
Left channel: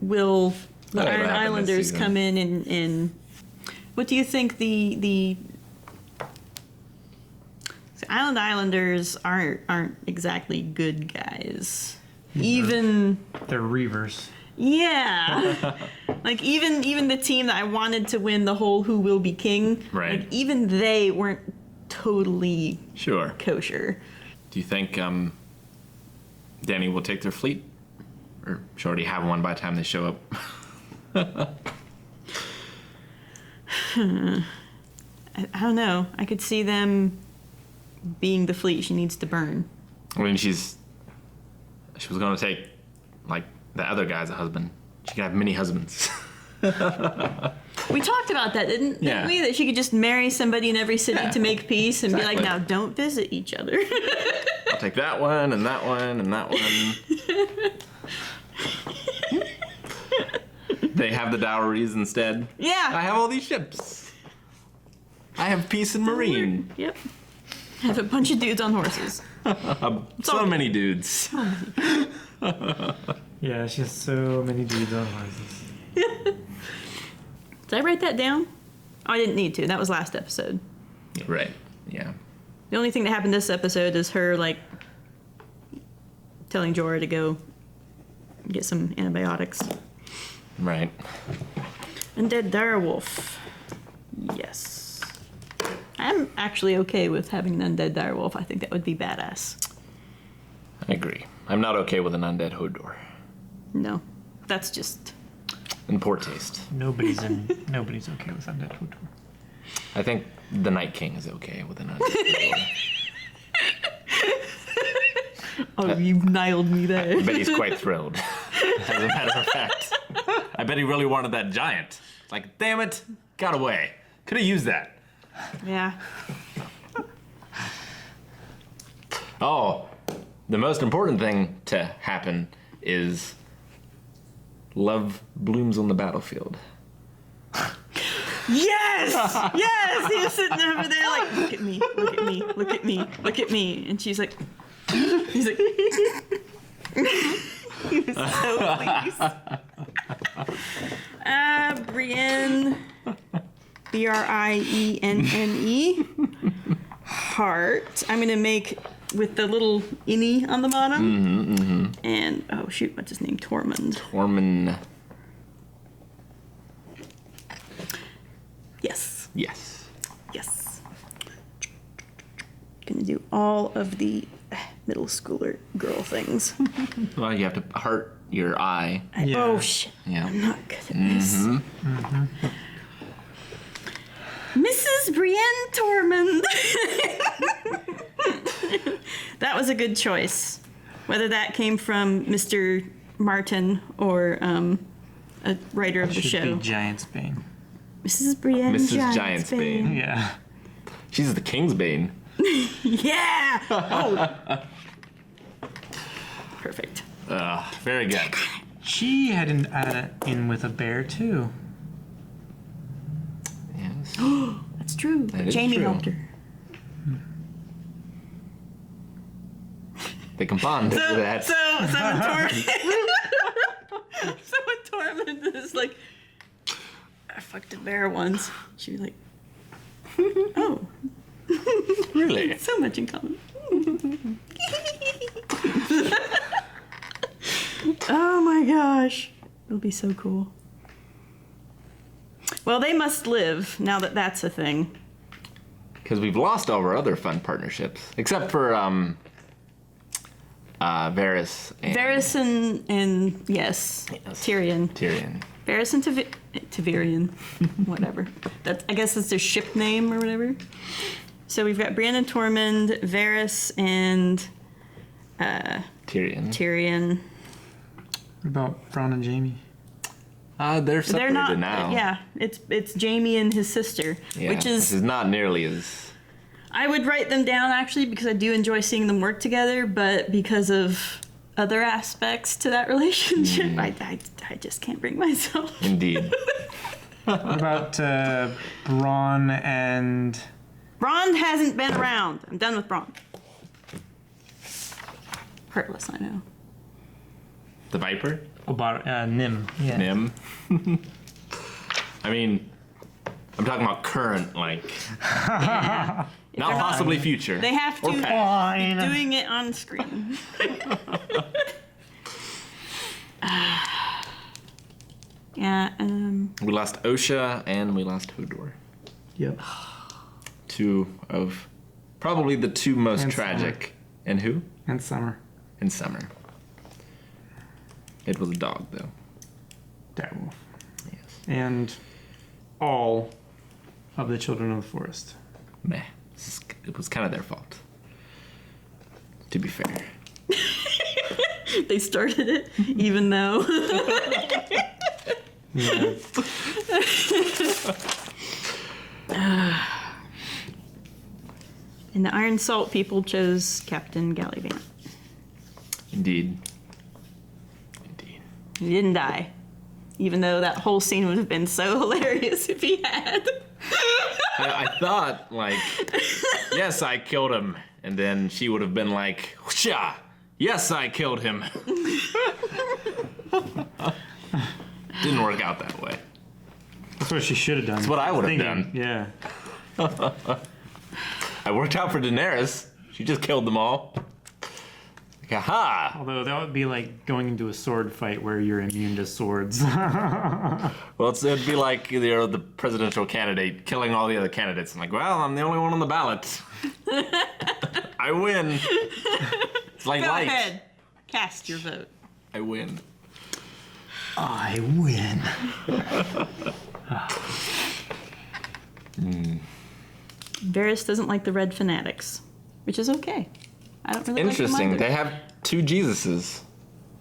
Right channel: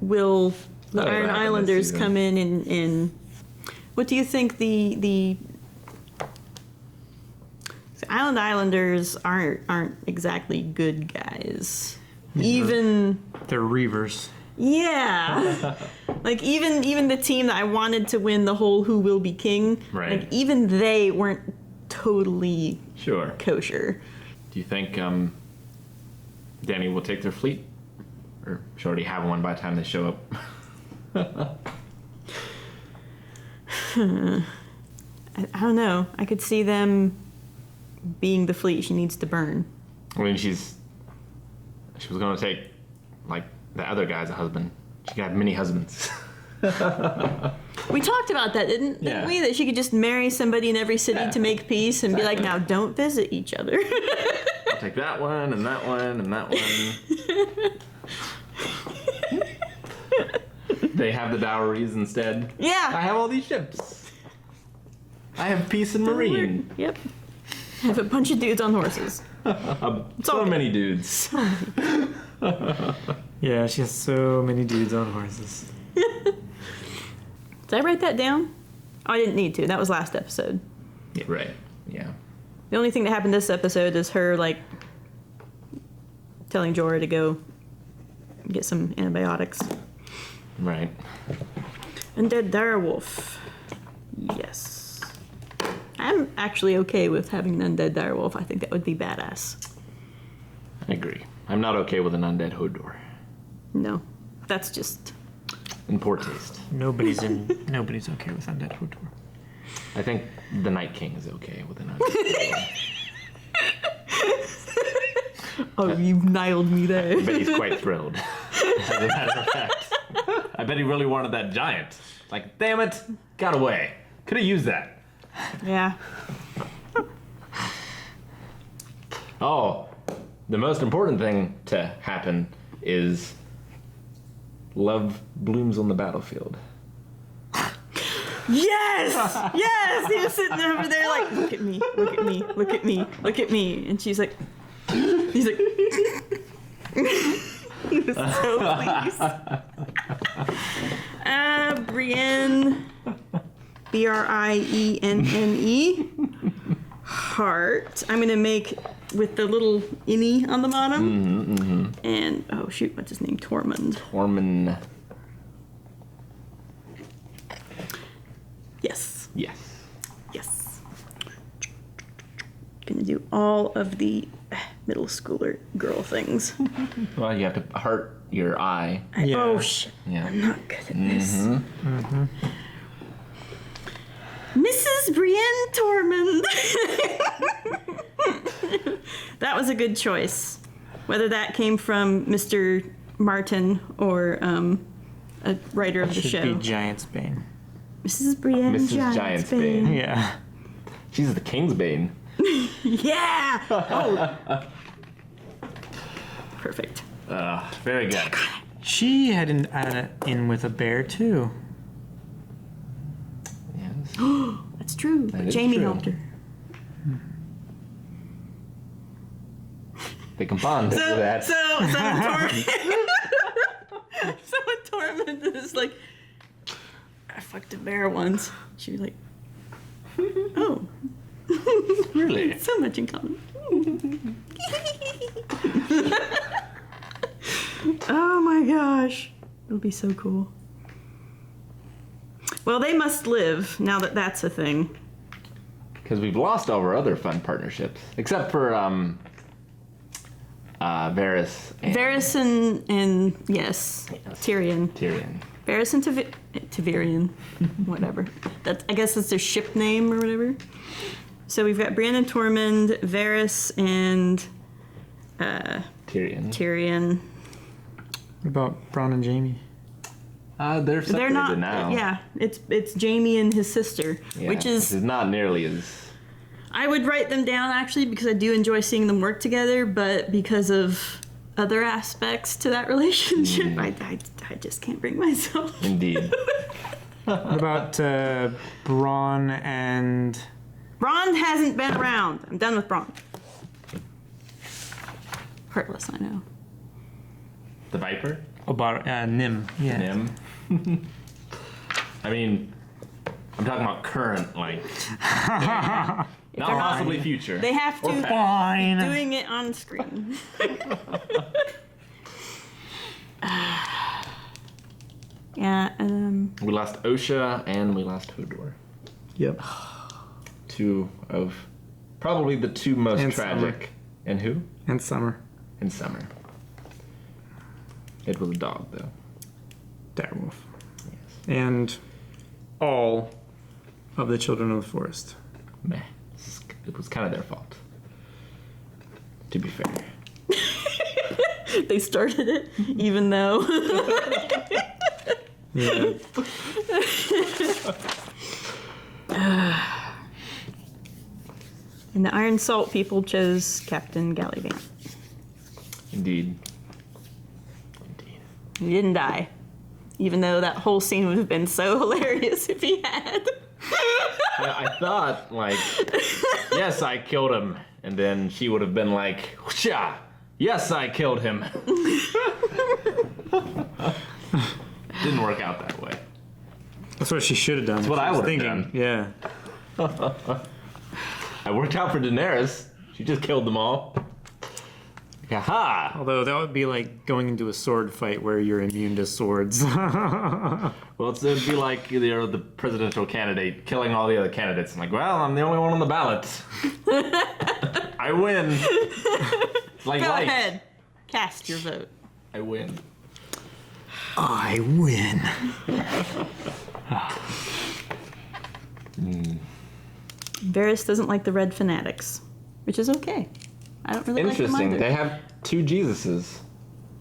will the Iron Islanders come in and what do you think the Island Islanders aren't exactly good guys. Even they're Reavers. Yeah. Like even the team that I wanted to win the whole Who Will Be King, right. Like even they weren't totally kosher. Do you think Danny will take their fleet? Or should already have one by the time they show up? I don't know. I could see them being the fleet she needs to burn. I mean, she was going to take, like, the other guy's a husband. She could have many husbands. We talked about that, didn't Yeah. we? That she could just marry somebody in every city to make peace and be like, now don't visit each other. I'll take that one and that one and that one. They have the dowries instead. Yeah. I have all these ships. I have peace and marine. Yep. I have a bunch of dudes on horses. So many dudes. Yeah, she has so many dudes on horses. Did I write that down? Oh, I didn't need to. That was last episode. Yeah. Right. Yeah. The only thing that happened this episode is her, like, telling Jorah to go get some antibiotics. Right. Undead direwolf. Yes. I'm actually okay with having an undead direwolf. I think that would be badass. I agree. I'm not okay with an undead Hodor. No. That's just... In poor taste. Nobody's okay with undead Hodor. I think the Night King is okay with an undead Hodor. Oh, you nailed me there. I bet he's quite thrilled. As a matter of fact. I bet he really wanted that giant. Like, damn it, got away. Could have used that. Yeah. Oh, the most important thing to happen is love blooms on the battlefield. Yes! Yes! He was sitting over there like, look at me, look at me, look at me, look at me. And she's like, he's like, he was so pleased. Brienne, Brienne, heart. I'm gonna make with the little innie on the bottom. And, oh shoot, what's his name? Tormund. Tormund. Yes. Yes. Yes. Gonna do all of the middle schooler girl things. Well, you have to heart your eye. Oh shit. Yeah. I'm not good at this. Mrs. Brienne Tormund. That was a good choice. Whether that came from Mr. Martin or a writer of the Should show. be Giantsbane. Mrs. Brienne Mrs. Giantsbane. Yeah. She's the Kingsbane. Yeah. Oh. Perfect. Very good. She had an in with a bear too. Yes. That's true. That is Jamie true. helped her. They can bond over that. So Tormund is like, I fucked a bear once. She was like, oh. Really? So much in common. Oh my gosh. It'll be so cool. Well, they must live now that that's a thing. Because we've lost all our other fun partnerships. Except for Varys and... Varys and yes, Tyrion. Varys and Tyrion. Whatever. I guess that's their ship name or whatever. So we've got Brienne and Tormund, Varys and Tyrion. What about Bronn and Jaime? They're separated They're not, now. Yeah, it's Jaime and his sister, Yeah, which is... This is not nearly as... I would write them down, actually, because I do enjoy seeing them work together, but because of other aspects to that relationship, I just can't bring myself. Indeed. What about Bronn and... Bronn hasn't been around. I'm done with Bronn. Heartless, I know. The Viper? Nim. Yeah. Nim. I mean, I'm talking about current, like... Not possibly future. They have to be Fine. doing it on screen. Yeah, we lost Osha and we lost Hodor. Yep. Two of probably the two most And tragic. Summer. And who? And Summer. And Summer. It was a dog, though. Direwolf. Yes. And all of the Children of the Forest. Meh. It was kind of their fault. To be fair. they started it, even though. Yeah. And the Iron Salt people chose Captain Gallivant. Indeed. He didn't die. Even though that whole scene would have been so hilarious if he had. I thought, like, yes, I killed him. And then she would have been like, whoosha, yes, I killed him. Didn't work out that way. That's what she should have done. That's what I would have done. Yeah. I worked out for Daenerys. She just killed them all. Like, aha! Although that would be like going into a sword fight where you're immune to swords. Well, it would be like the presidential candidate killing all the other candidates. I'm like, well, I'm the only one on the ballot. I win. It's like Go light. ahead. Cast your vote. I win. I win. Varys doesn't like the red fanatics, which is okay. I don't really like them Interesting. either. They have two Jesuses.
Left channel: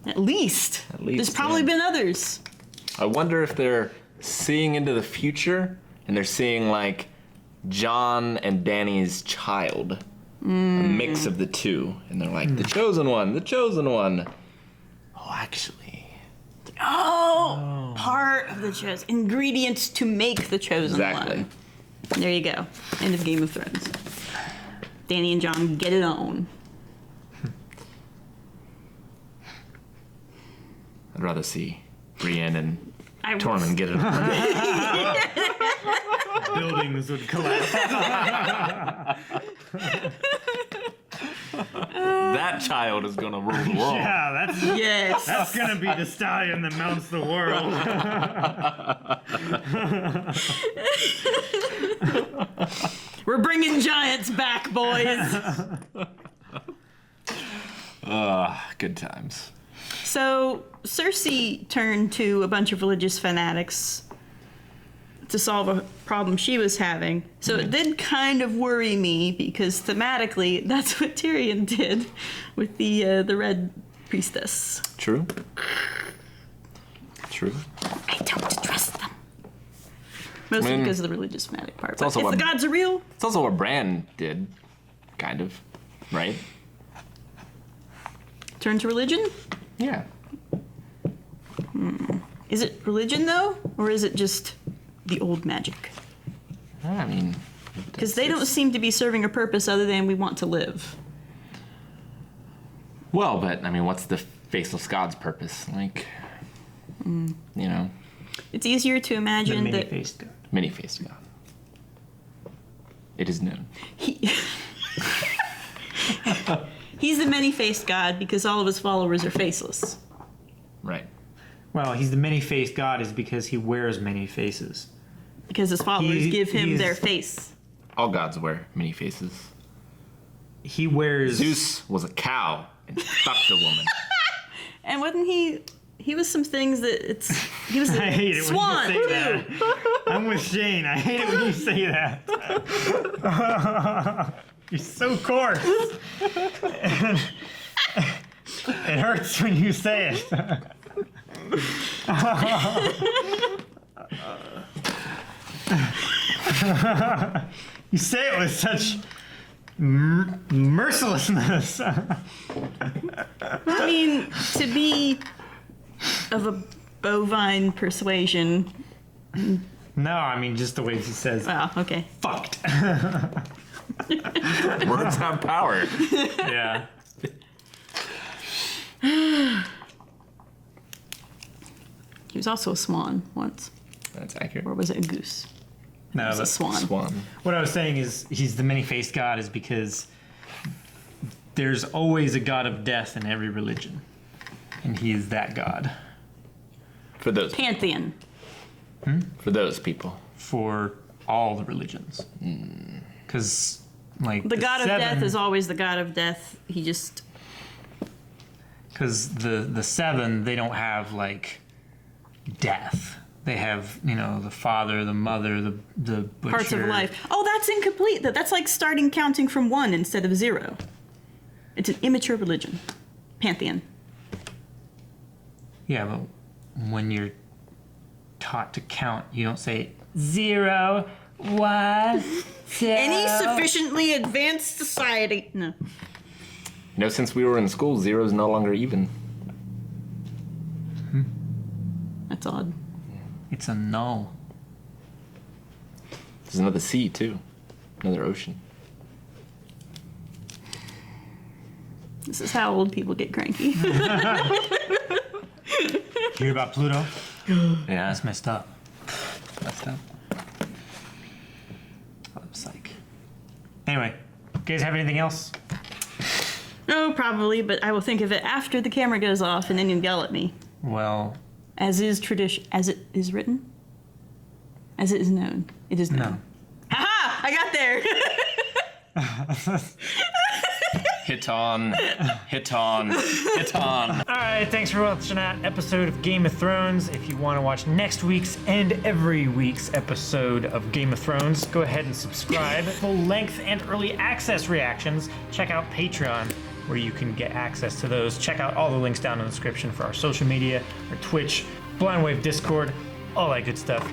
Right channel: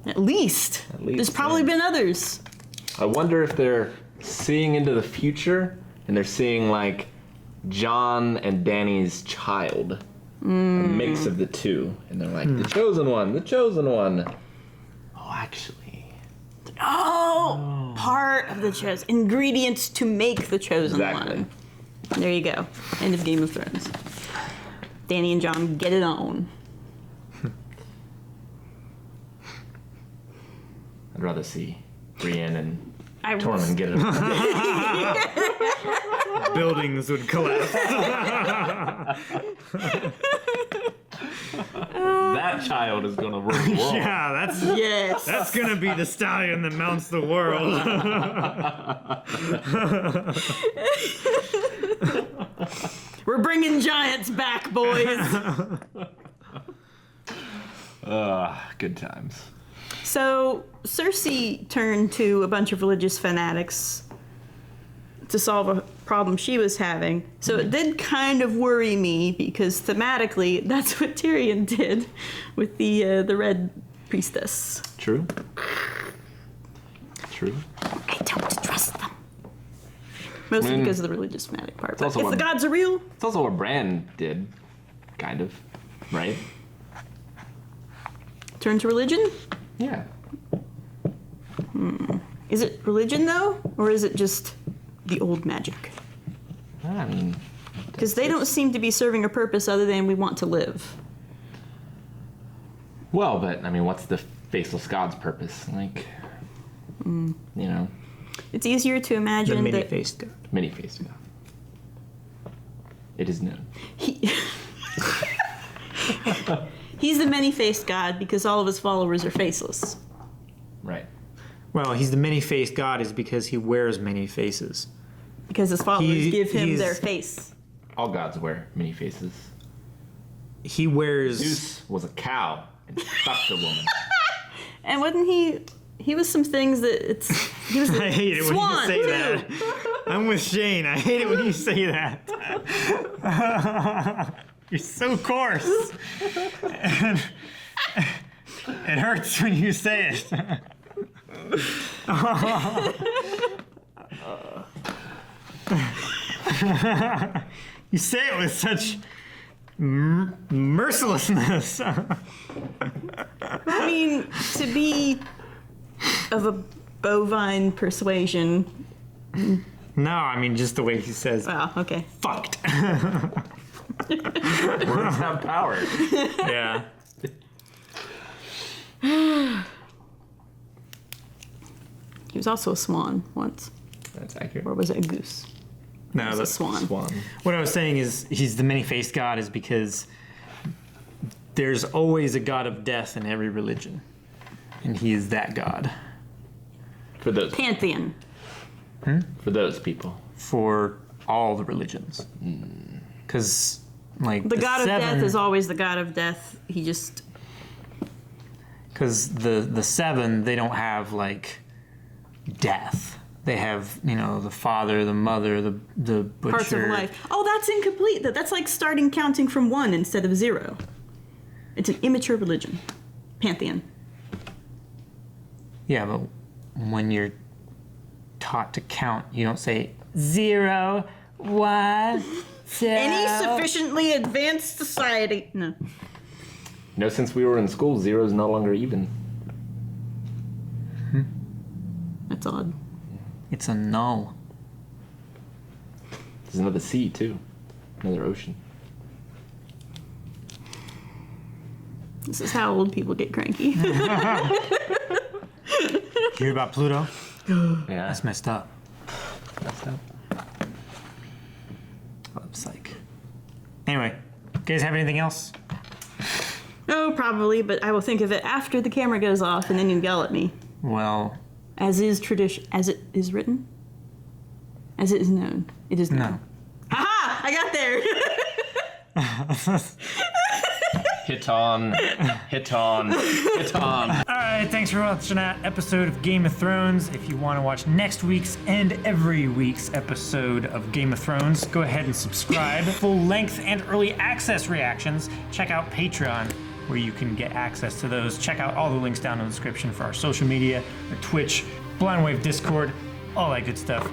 At least. There's probably been others. I wonder if they're seeing into the future and they're seeing like Jon and Dany's child. A mix of the two. And they're like, the chosen one, the chosen one. Oh, actually. Oh, part of the chosen. Ingredients to make the chosen one. There you go. End of Game of Thrones. Dany and Jon get it on. I'd rather see Brienne and Tormund get it on. Buildings would collapse. That child is gonna rule the world. Yeah, that's gonna be the stallion that mounts the world. We're bringing giants back, boys. Good times. So Cersei turned to a bunch of religious fanatics to solve a problem she was having. So it did kind of worry me because thematically, that's what Tyrion did with the Red Priestess. True. True. I don't trust them. Mostly because of the religious fanatic part. But also if what- the gods are real, It's also what Bran did, kind of, right? turn to religion. Yeah. Is it religion though, or is it just the old magic? I mean, Because they don't seem to be serving a purpose other than we want to live. well, but I mean, what's the faceless god's purpose? Like, you know, It's easier to imagine that many-faced god. many-faced god. It is known. He's the many-faced god because all of his followers are faceless. Right. Well, he's the many-faced god is because he wears many faces. Because his followers give him he's- their face. All gods wear many faces. He wears... Zeus was a cow and fucked a woman. And wasn't he was some things that he was I a hate it swan when you say too. that. I'm with Shane. I hate it when you say that. You're so coarse. It hurts when you say it. You say it with such mercilessness. I mean, to be of a bovine persuasion. No, I mean just the way he says Wow, okay. fucked. Words have power. Yeah. He was also a swan once. That's accurate. Or was it a goose? No, It was a that's swan. Swan. what I was saying is he's the many-faced god is because there's always a god of death in every religion. And he is that god. For those Pantheon. for those people. For all the religions. Because, like, The god of death seven- is always the god of death. He just... Because the seven, they don't have, like, death. They have, the father, the mother, the butcher. Parts of life. Oh, that's incomplete. That's like starting counting from 1 instead of 0. It's an immature religion. Pantheon. Yeah, but when you're taught to count, you don't say 0, 1, 2. Any sufficiently advanced society. No. No, since we were in school, 0 is no longer even. That's odd. It's a null. There's another sea too, another ocean. This is how old people get cranky. Hear about Pluto? Yeah. That's messed up. That's that. Oh, psych. Anyway, you guys have anything else? Oh, probably, but I will think of it after the camera goes off and then you yell at me. Well, As is tradition. As it is written? As it is known. It is known. no. Aha! I got there! Hit on, hit on, hit on. All right, thanks for watching that episode of Game of Thrones. If you want to watch next week's and every week's episode of Game of Thrones, go ahead and subscribe. Full length and early access reactions. Check out Patreon, where you can get access to those. Check out all the links down in the description for our social media, our Twitch, Blind Wave Discord, all that good stuff.